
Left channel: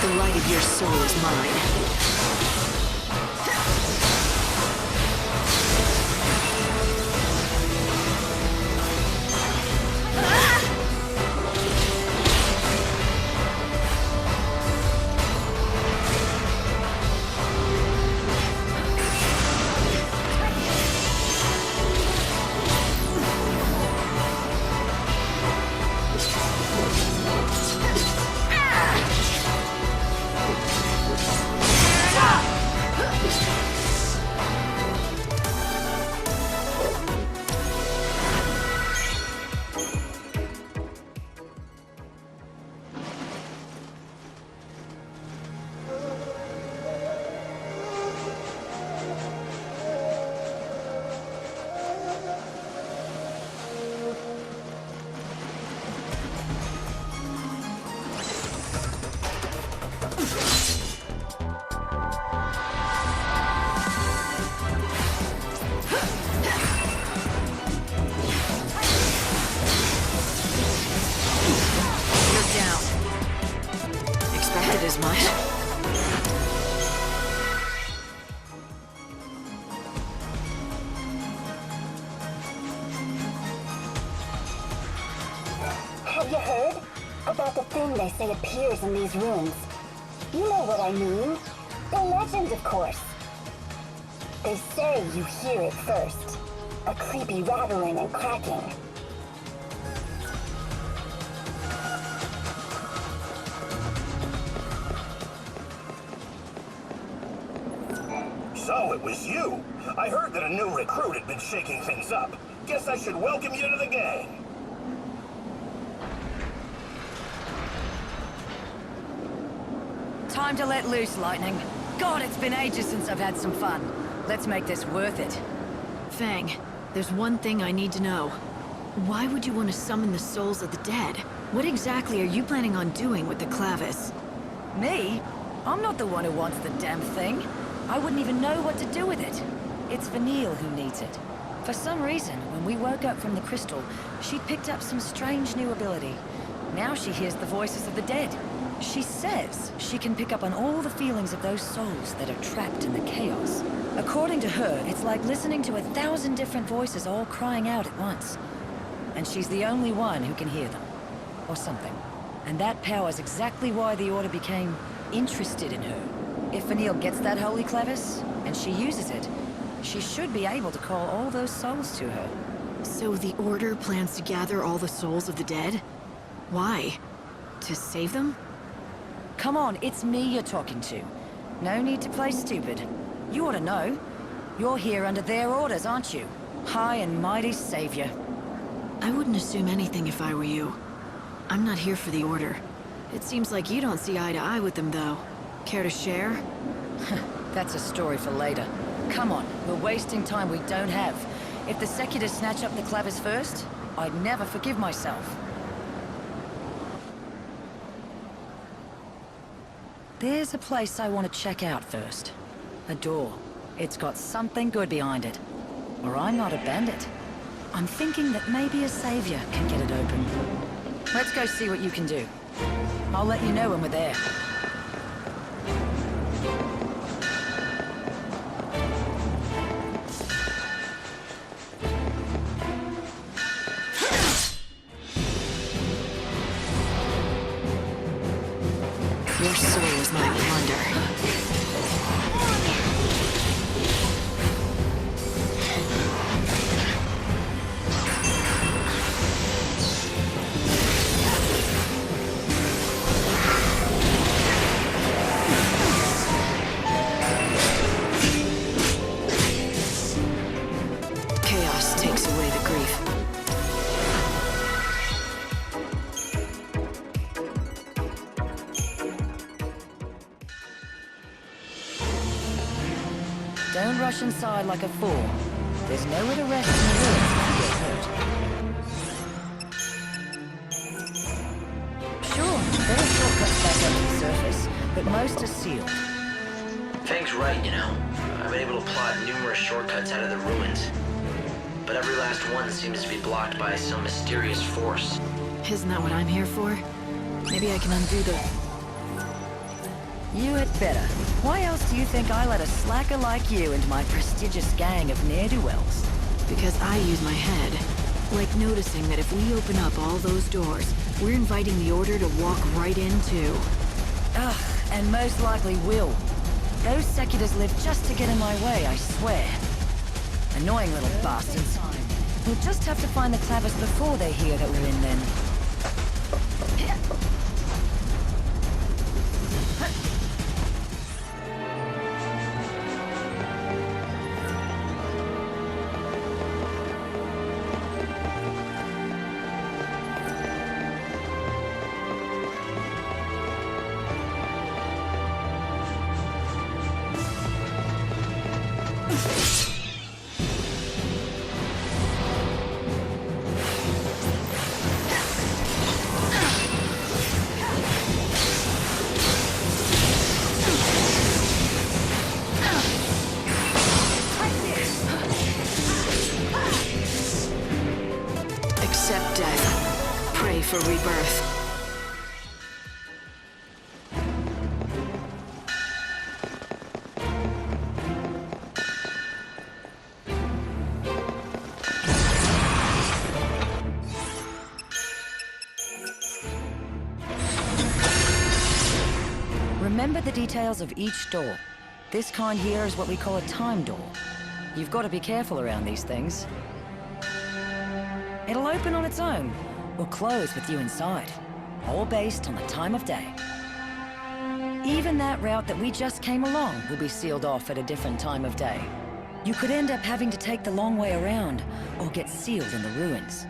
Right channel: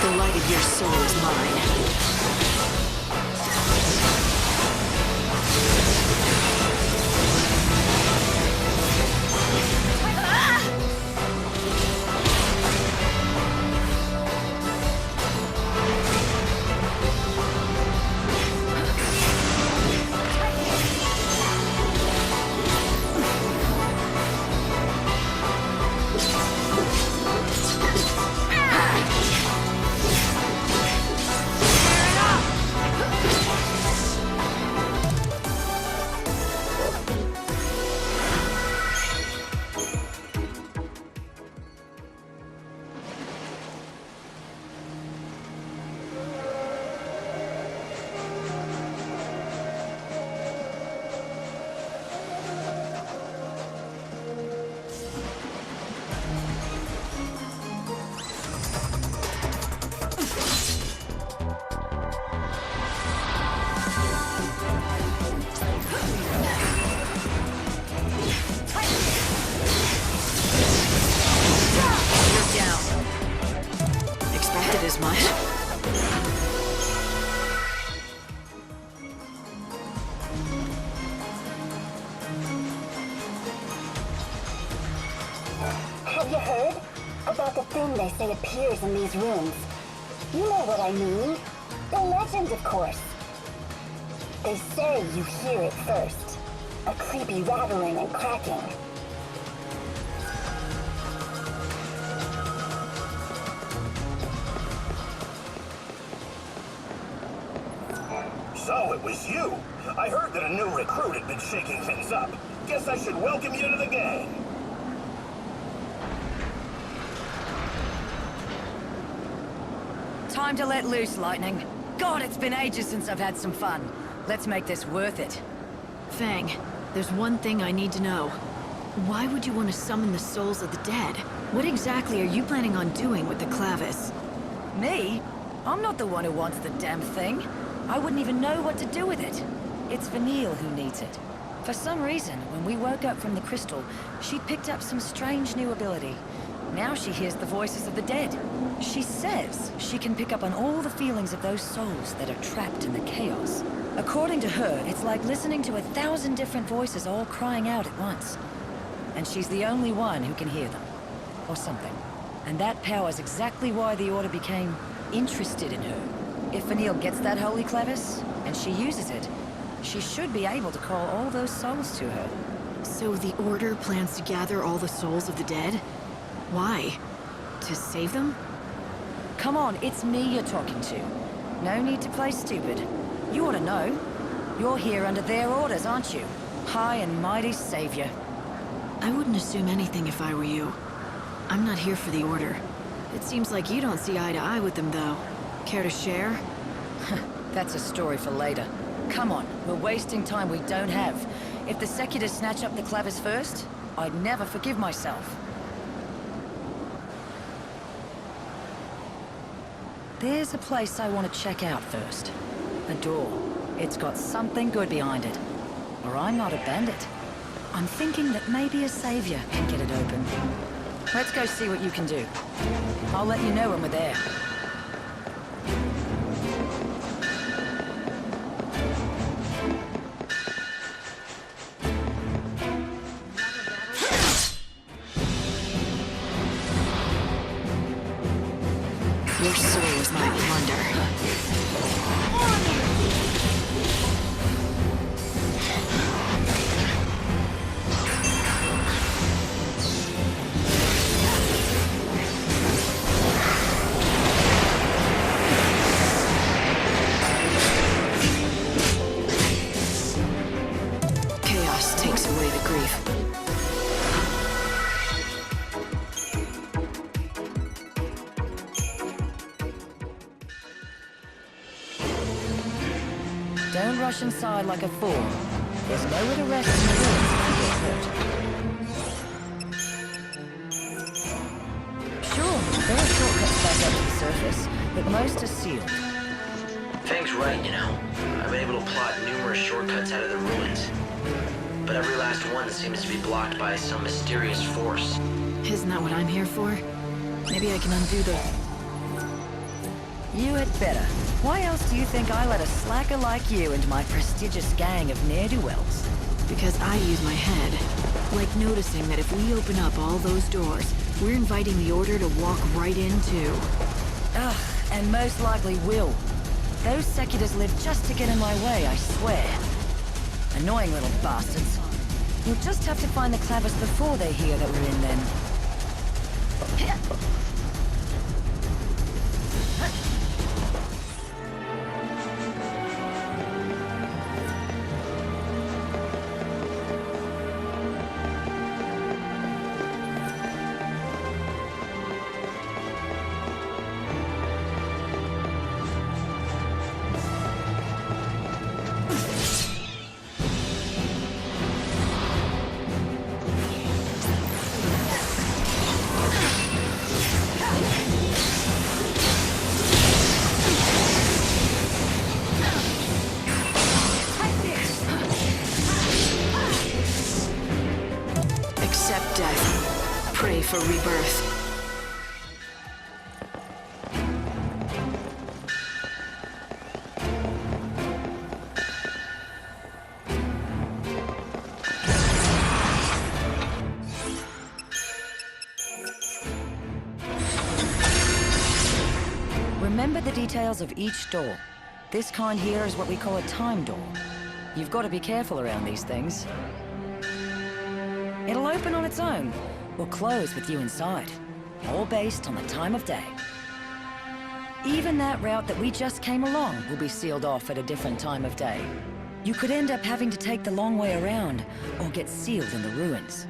The light of your soul is mine. Expected as much. Have you heard about the thing they say appears in these rooms? You know what I mean. The legend, of course. They say you hear it first. A creepy rattling and cracking. So it was you. I heard that a new recruit had been shaking things up. Guess I should welcome you to the gang. Time to let loose, Lightning. God, it's been ages since I've had some fun. Let's make this worth it. Fang, there's one thing I need to know. Why would you want to summon the souls of the dead? What exactly are you planning on doing with the Clavis? Me? I'm not the one who wants the damn thing. I wouldn't even know what to do with it. It's Vanille who needs it. For some reason, when we woke up from the crystal, she picked up some strange new ability. Now she hears the voices of the dead. She says she can pick up on all the feelings of those souls that are trapped in the chaos. According to her, it's like listening to 1,000 different voices all crying out at once. And she's the only one who can hear them. Or something. And that power's exactly why the Order became interested in her. If Vanille gets that holy clevis, and she uses it, she should be able to call all those souls to her. So the Order plans to gather all the souls of the dead? Why? To save them? Come on, it's me you're talking to. No need to play stupid. You ought to know. You're here under their orders, aren't you? High and mighty savior. I wouldn't assume anything if I were you. I'm not here for the Order. It seems like you don't see eye to eye with them, though. Care to share? That's a story for later. Come on, we're wasting time we don't have. If the Seculars snatch up the clavers first, I'd never forgive myself. There's a place I want to check out first. A door. It's got something good behind it. Or I'm not a bandit. I'm thinking that maybe a savior can get it open. Let's go see what you can do. I'll let you know when we're there. Your soul is my plunder. Chaos takes away the grief. Don't rush inside like a fool. There's nowhere to rest in the ruins if you get hurt. Sure, there are shortcuts back up to the surface, but most are sealed. Fang's right, you know. I've been able to plot numerous shortcuts out of the ruins. But every last one seems to be blocked by some mysterious force. Isn't that what I'm here for? Maybe I can undo the... You had better. Why else do you think I let a slacker like you into my prestigious gang of ne'er-do-wells? Because I use my head. Like noticing that if we open up all those doors, we're inviting the Order to walk right into. Ugh, and most likely will. Those Seculars live just to get in my way, I swear. Annoying little bastards. We'll just have to find the clavers before they hear that we're in then. Accept death. Pray for rebirth. Remember the details of each door. This kind here is what we call a time door. You've got to be careful around these things. It'll open on its own, or close with you inside, all based on the time of day. Even that route that we just came along will be sealed off at a different time of day. You could end up having to take the long way around, or get sealed in the ruins.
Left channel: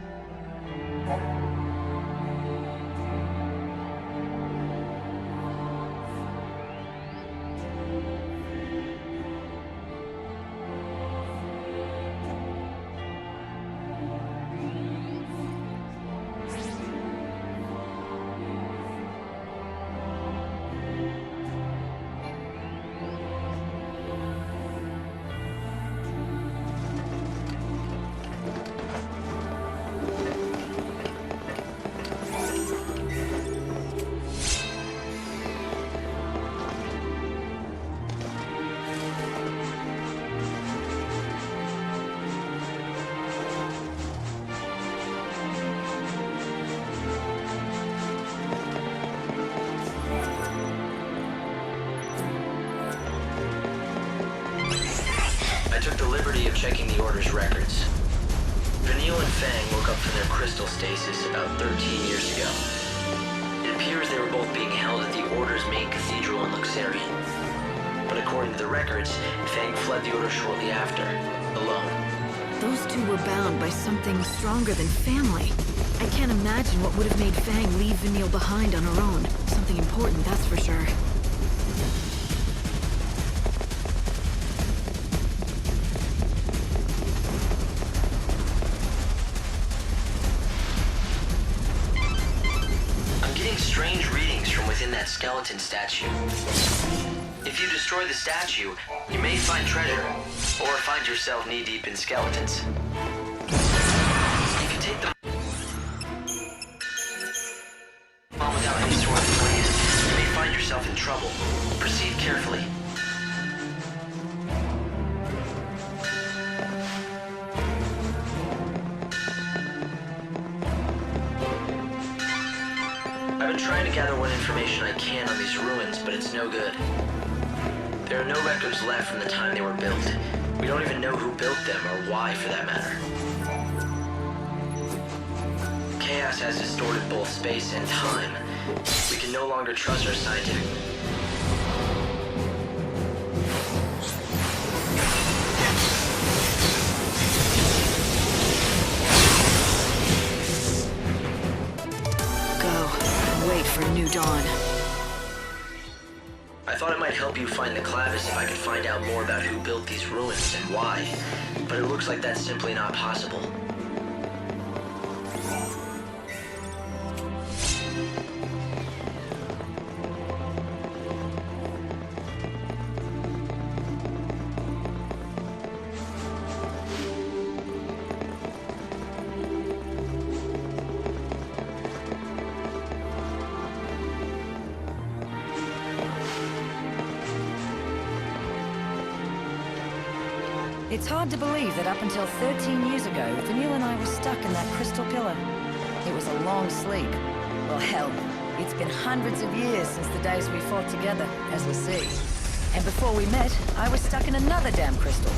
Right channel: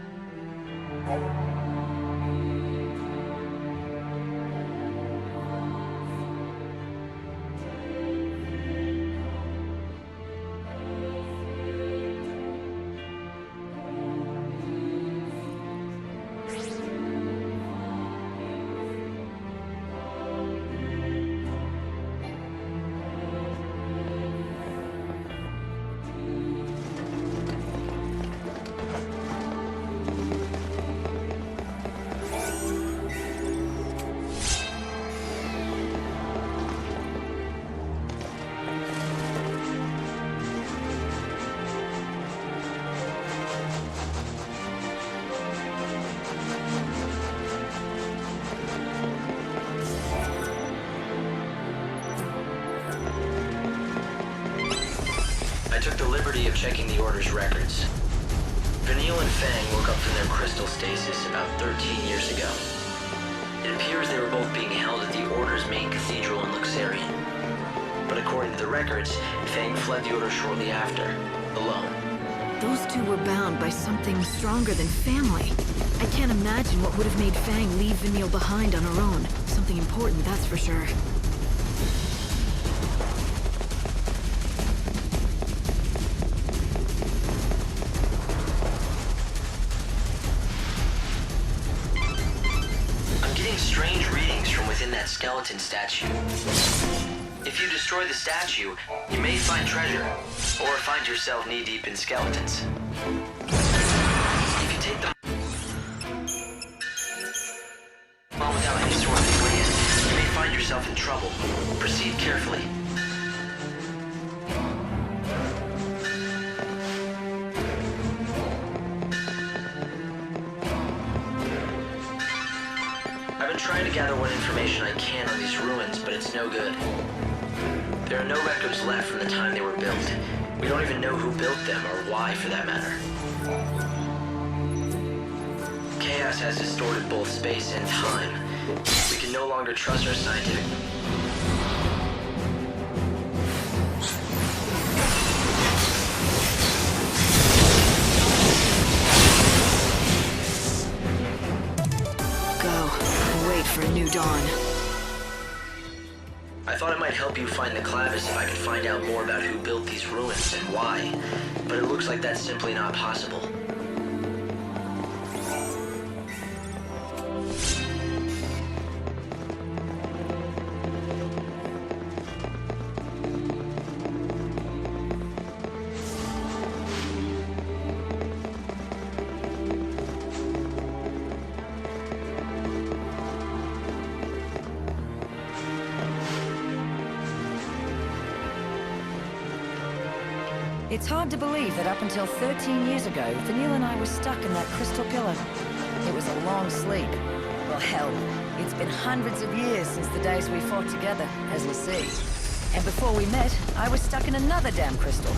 I took the liberty of checking the Order's records. Vanille and Fang woke up from their crystal stasis about 13 years ago. It appears they were both being held at the Order's main cathedral in Luxarian. But according to the records, Fang fled the Order shortly after, alone. Those two were bound by something stronger than family. I can't imagine what would have made Fang leave Vanille behind on her own. Something important, that's for sure. I'm getting strange readings from within that skeleton statue. If you destroy the statue, you may find treasure, or find yourself knee-deep in skeletons. If you take them on without any sort of plan, you may find yourself in trouble. Proceed carefully. I've been trying to gather what information I can on these ruins, but it's no good. There are no records left from the time they were built. We don't even know who built them, or why, for that matter. Chaos has distorted both space and time. We can no longer trust our scientific... Go, and wait for a new dawn. I thought it might help you find the Clavis if I could find out more about who built these ruins and why, but it looks like that's simply not possible. It's hard to believe that up until 13 years ago, Vanille and I were stuck in that crystal pillar. It was a long sleep. Well, hell, it's been hundreds of years since the days we fought together as Lassie. And before we met, I was stuck in another damn crystal.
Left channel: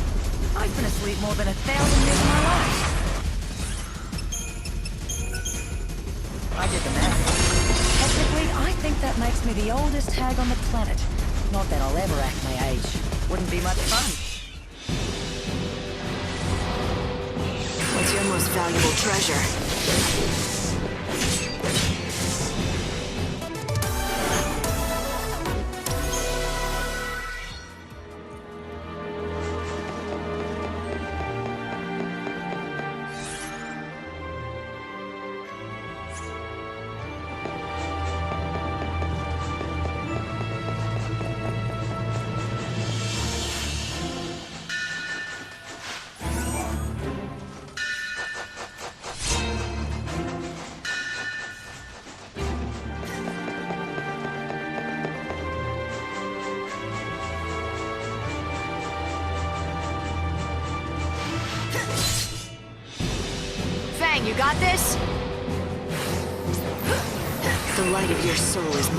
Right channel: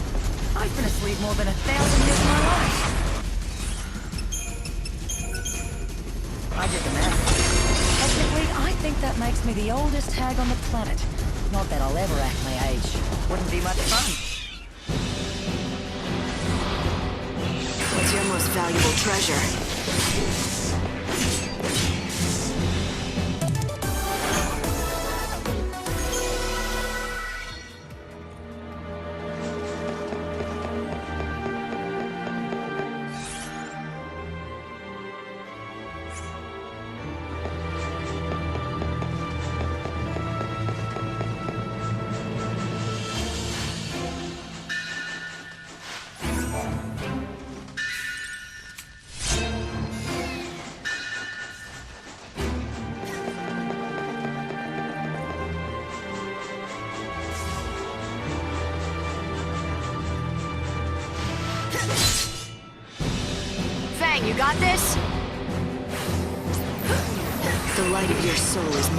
I've been asleep more than 1,000 years of my life. I did the math. Technically, I think that makes me the oldest hag on the planet. Not that I'll ever act my age. Wouldn't be much fun. What's your most valuable treasure? Fang, you got this? The light of your soul is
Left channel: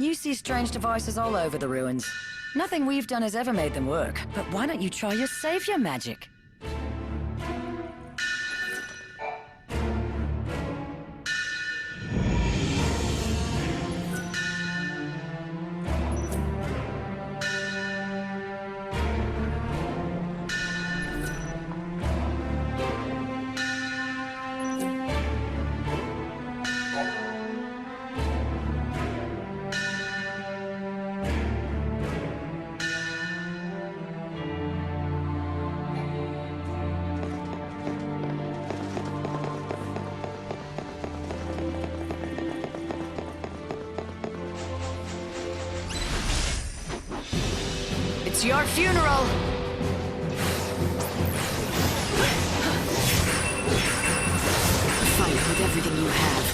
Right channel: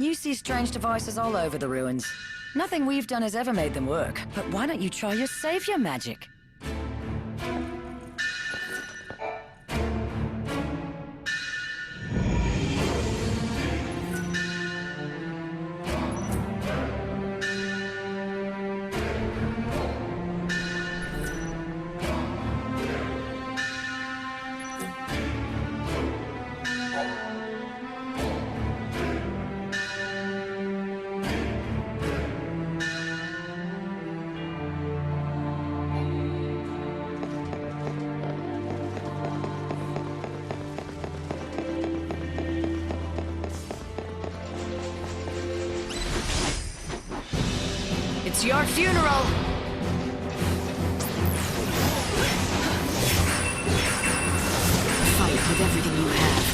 You see strange devices all over the ruins. Nothing we've done has ever made them work, but why don't you try your savior magic? It's your funeral! Fight with everything you have.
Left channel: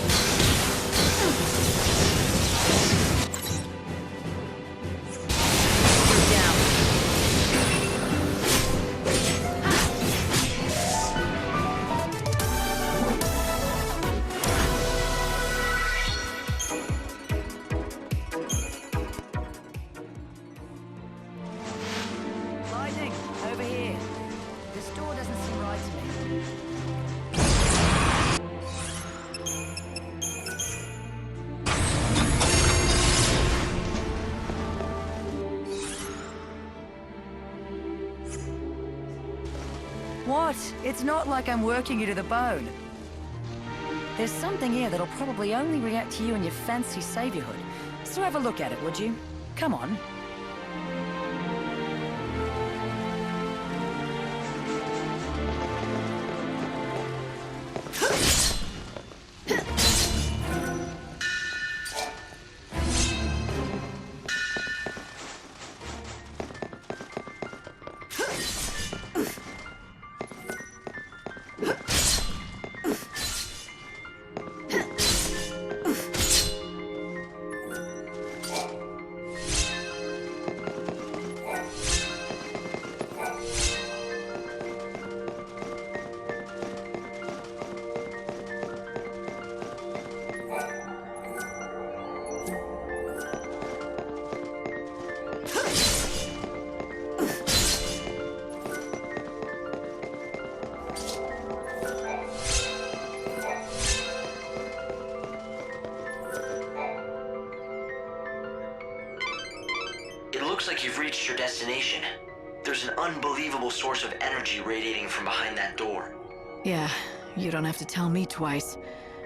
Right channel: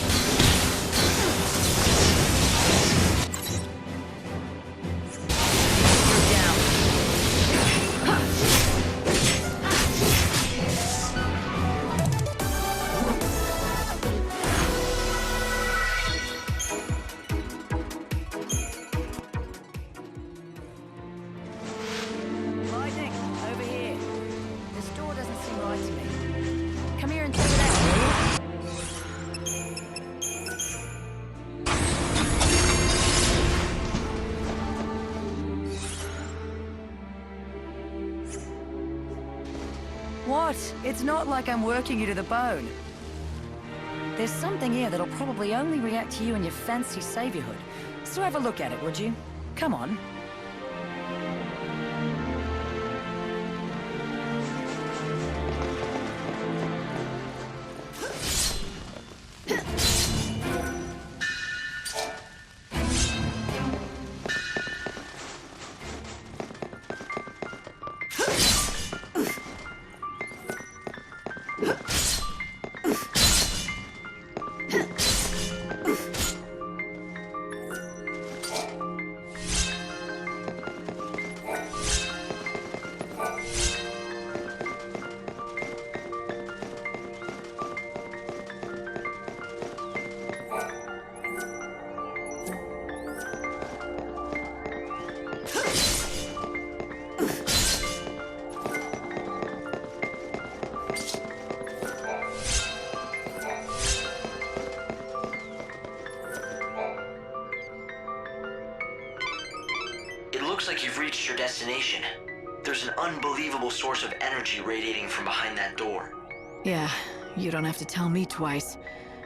what? It's not like I'm working you to the bone. There's something here that'll probably only react to you and your fancy saviorhood. So have a look at it, would you? Come on. Looks like you've reached your destination. There's an unbelievable source of energy radiating from behind that door. Yeah, you don't have to tell me twice.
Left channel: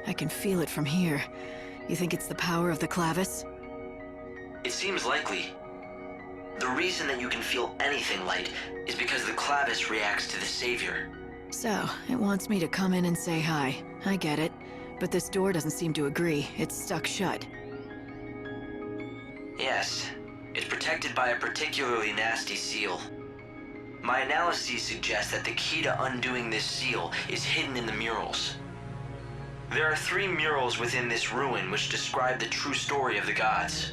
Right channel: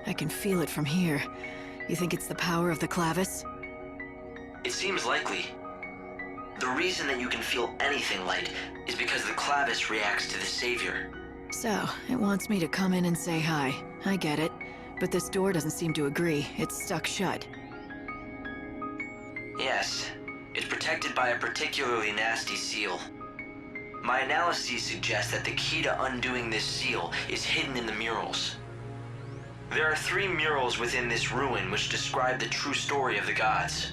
I can feel it from here. You think it's the power of the clavis? It seems likely. The reason that you can feel anything light is because the clavis reacts to the savior. So, it wants me to come in and say hi. I get it. But this door doesn't seem to agree. It's stuck shut. Yes. It's protected by a particularly nasty seal. My analyses suggest that the key to undoing this seal is hidden in the murals. There are 3 murals within this ruin which describe the true story of the gods.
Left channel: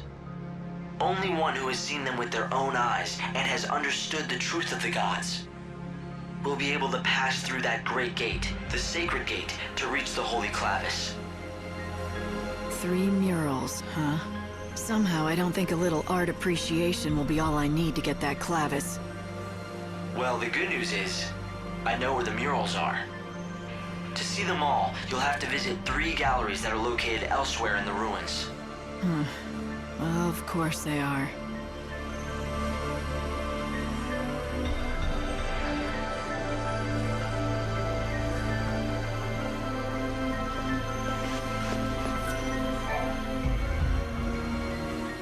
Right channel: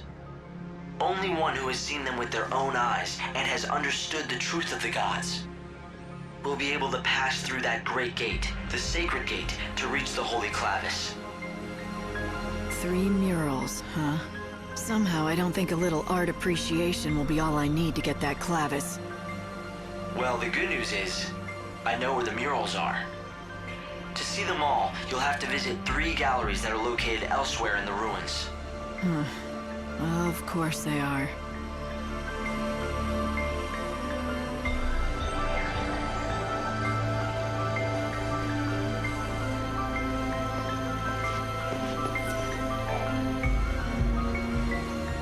Only one who has seen them with their own eyes and has understood the truth of the gods will be able to pass through that great gate, the sacred gate, to reach the holy clavis. 3 murals, huh? Somehow I don't think a little art appreciation will be all I need to get that clavis. Well, the good news is, I know where the murals are. To see them all, you'll have to visit 3 galleries that are located elsewhere in the ruins. Of course they are.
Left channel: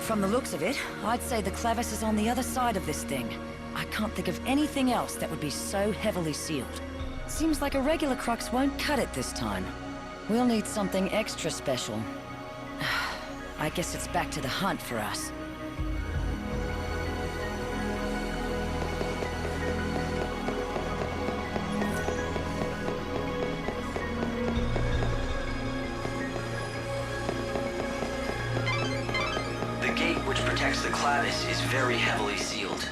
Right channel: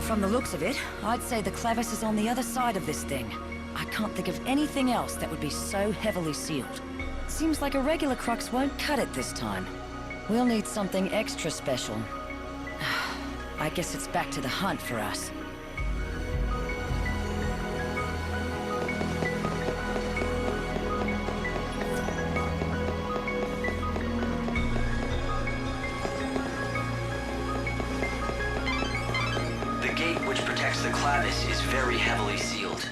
From the looks of it, I'd say the clavis is on the other side of this thing. I can't think of anything else that would be so heavily sealed. Seems like a regular crux won't cut it this time. We'll need something extra special. I guess it's back to the hunt for us. The gate which protects the clavis is very heavily sealed.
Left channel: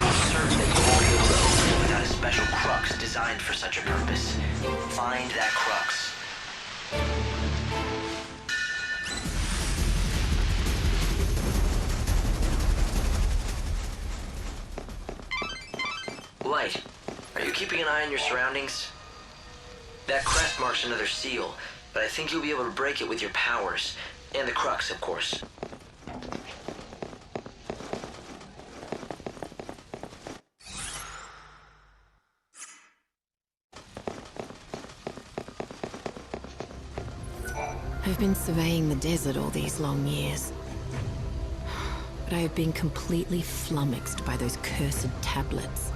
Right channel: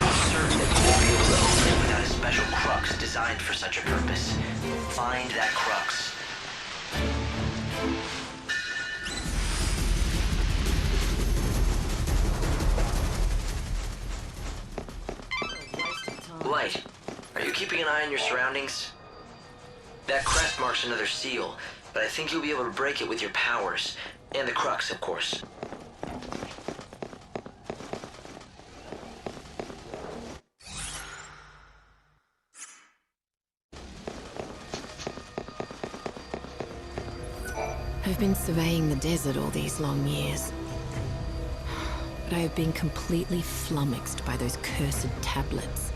Certain that you won't be able to open it without a special crux designed for such a purpose. Find that crux. Light, are you keeping an eye on your surroundings? That crest marks another seal, but I think you'll be able to break it with your powers. And the crux, of course. I've been surveying the desert all these long years. But I have been completely flummoxed by those cursed tablets.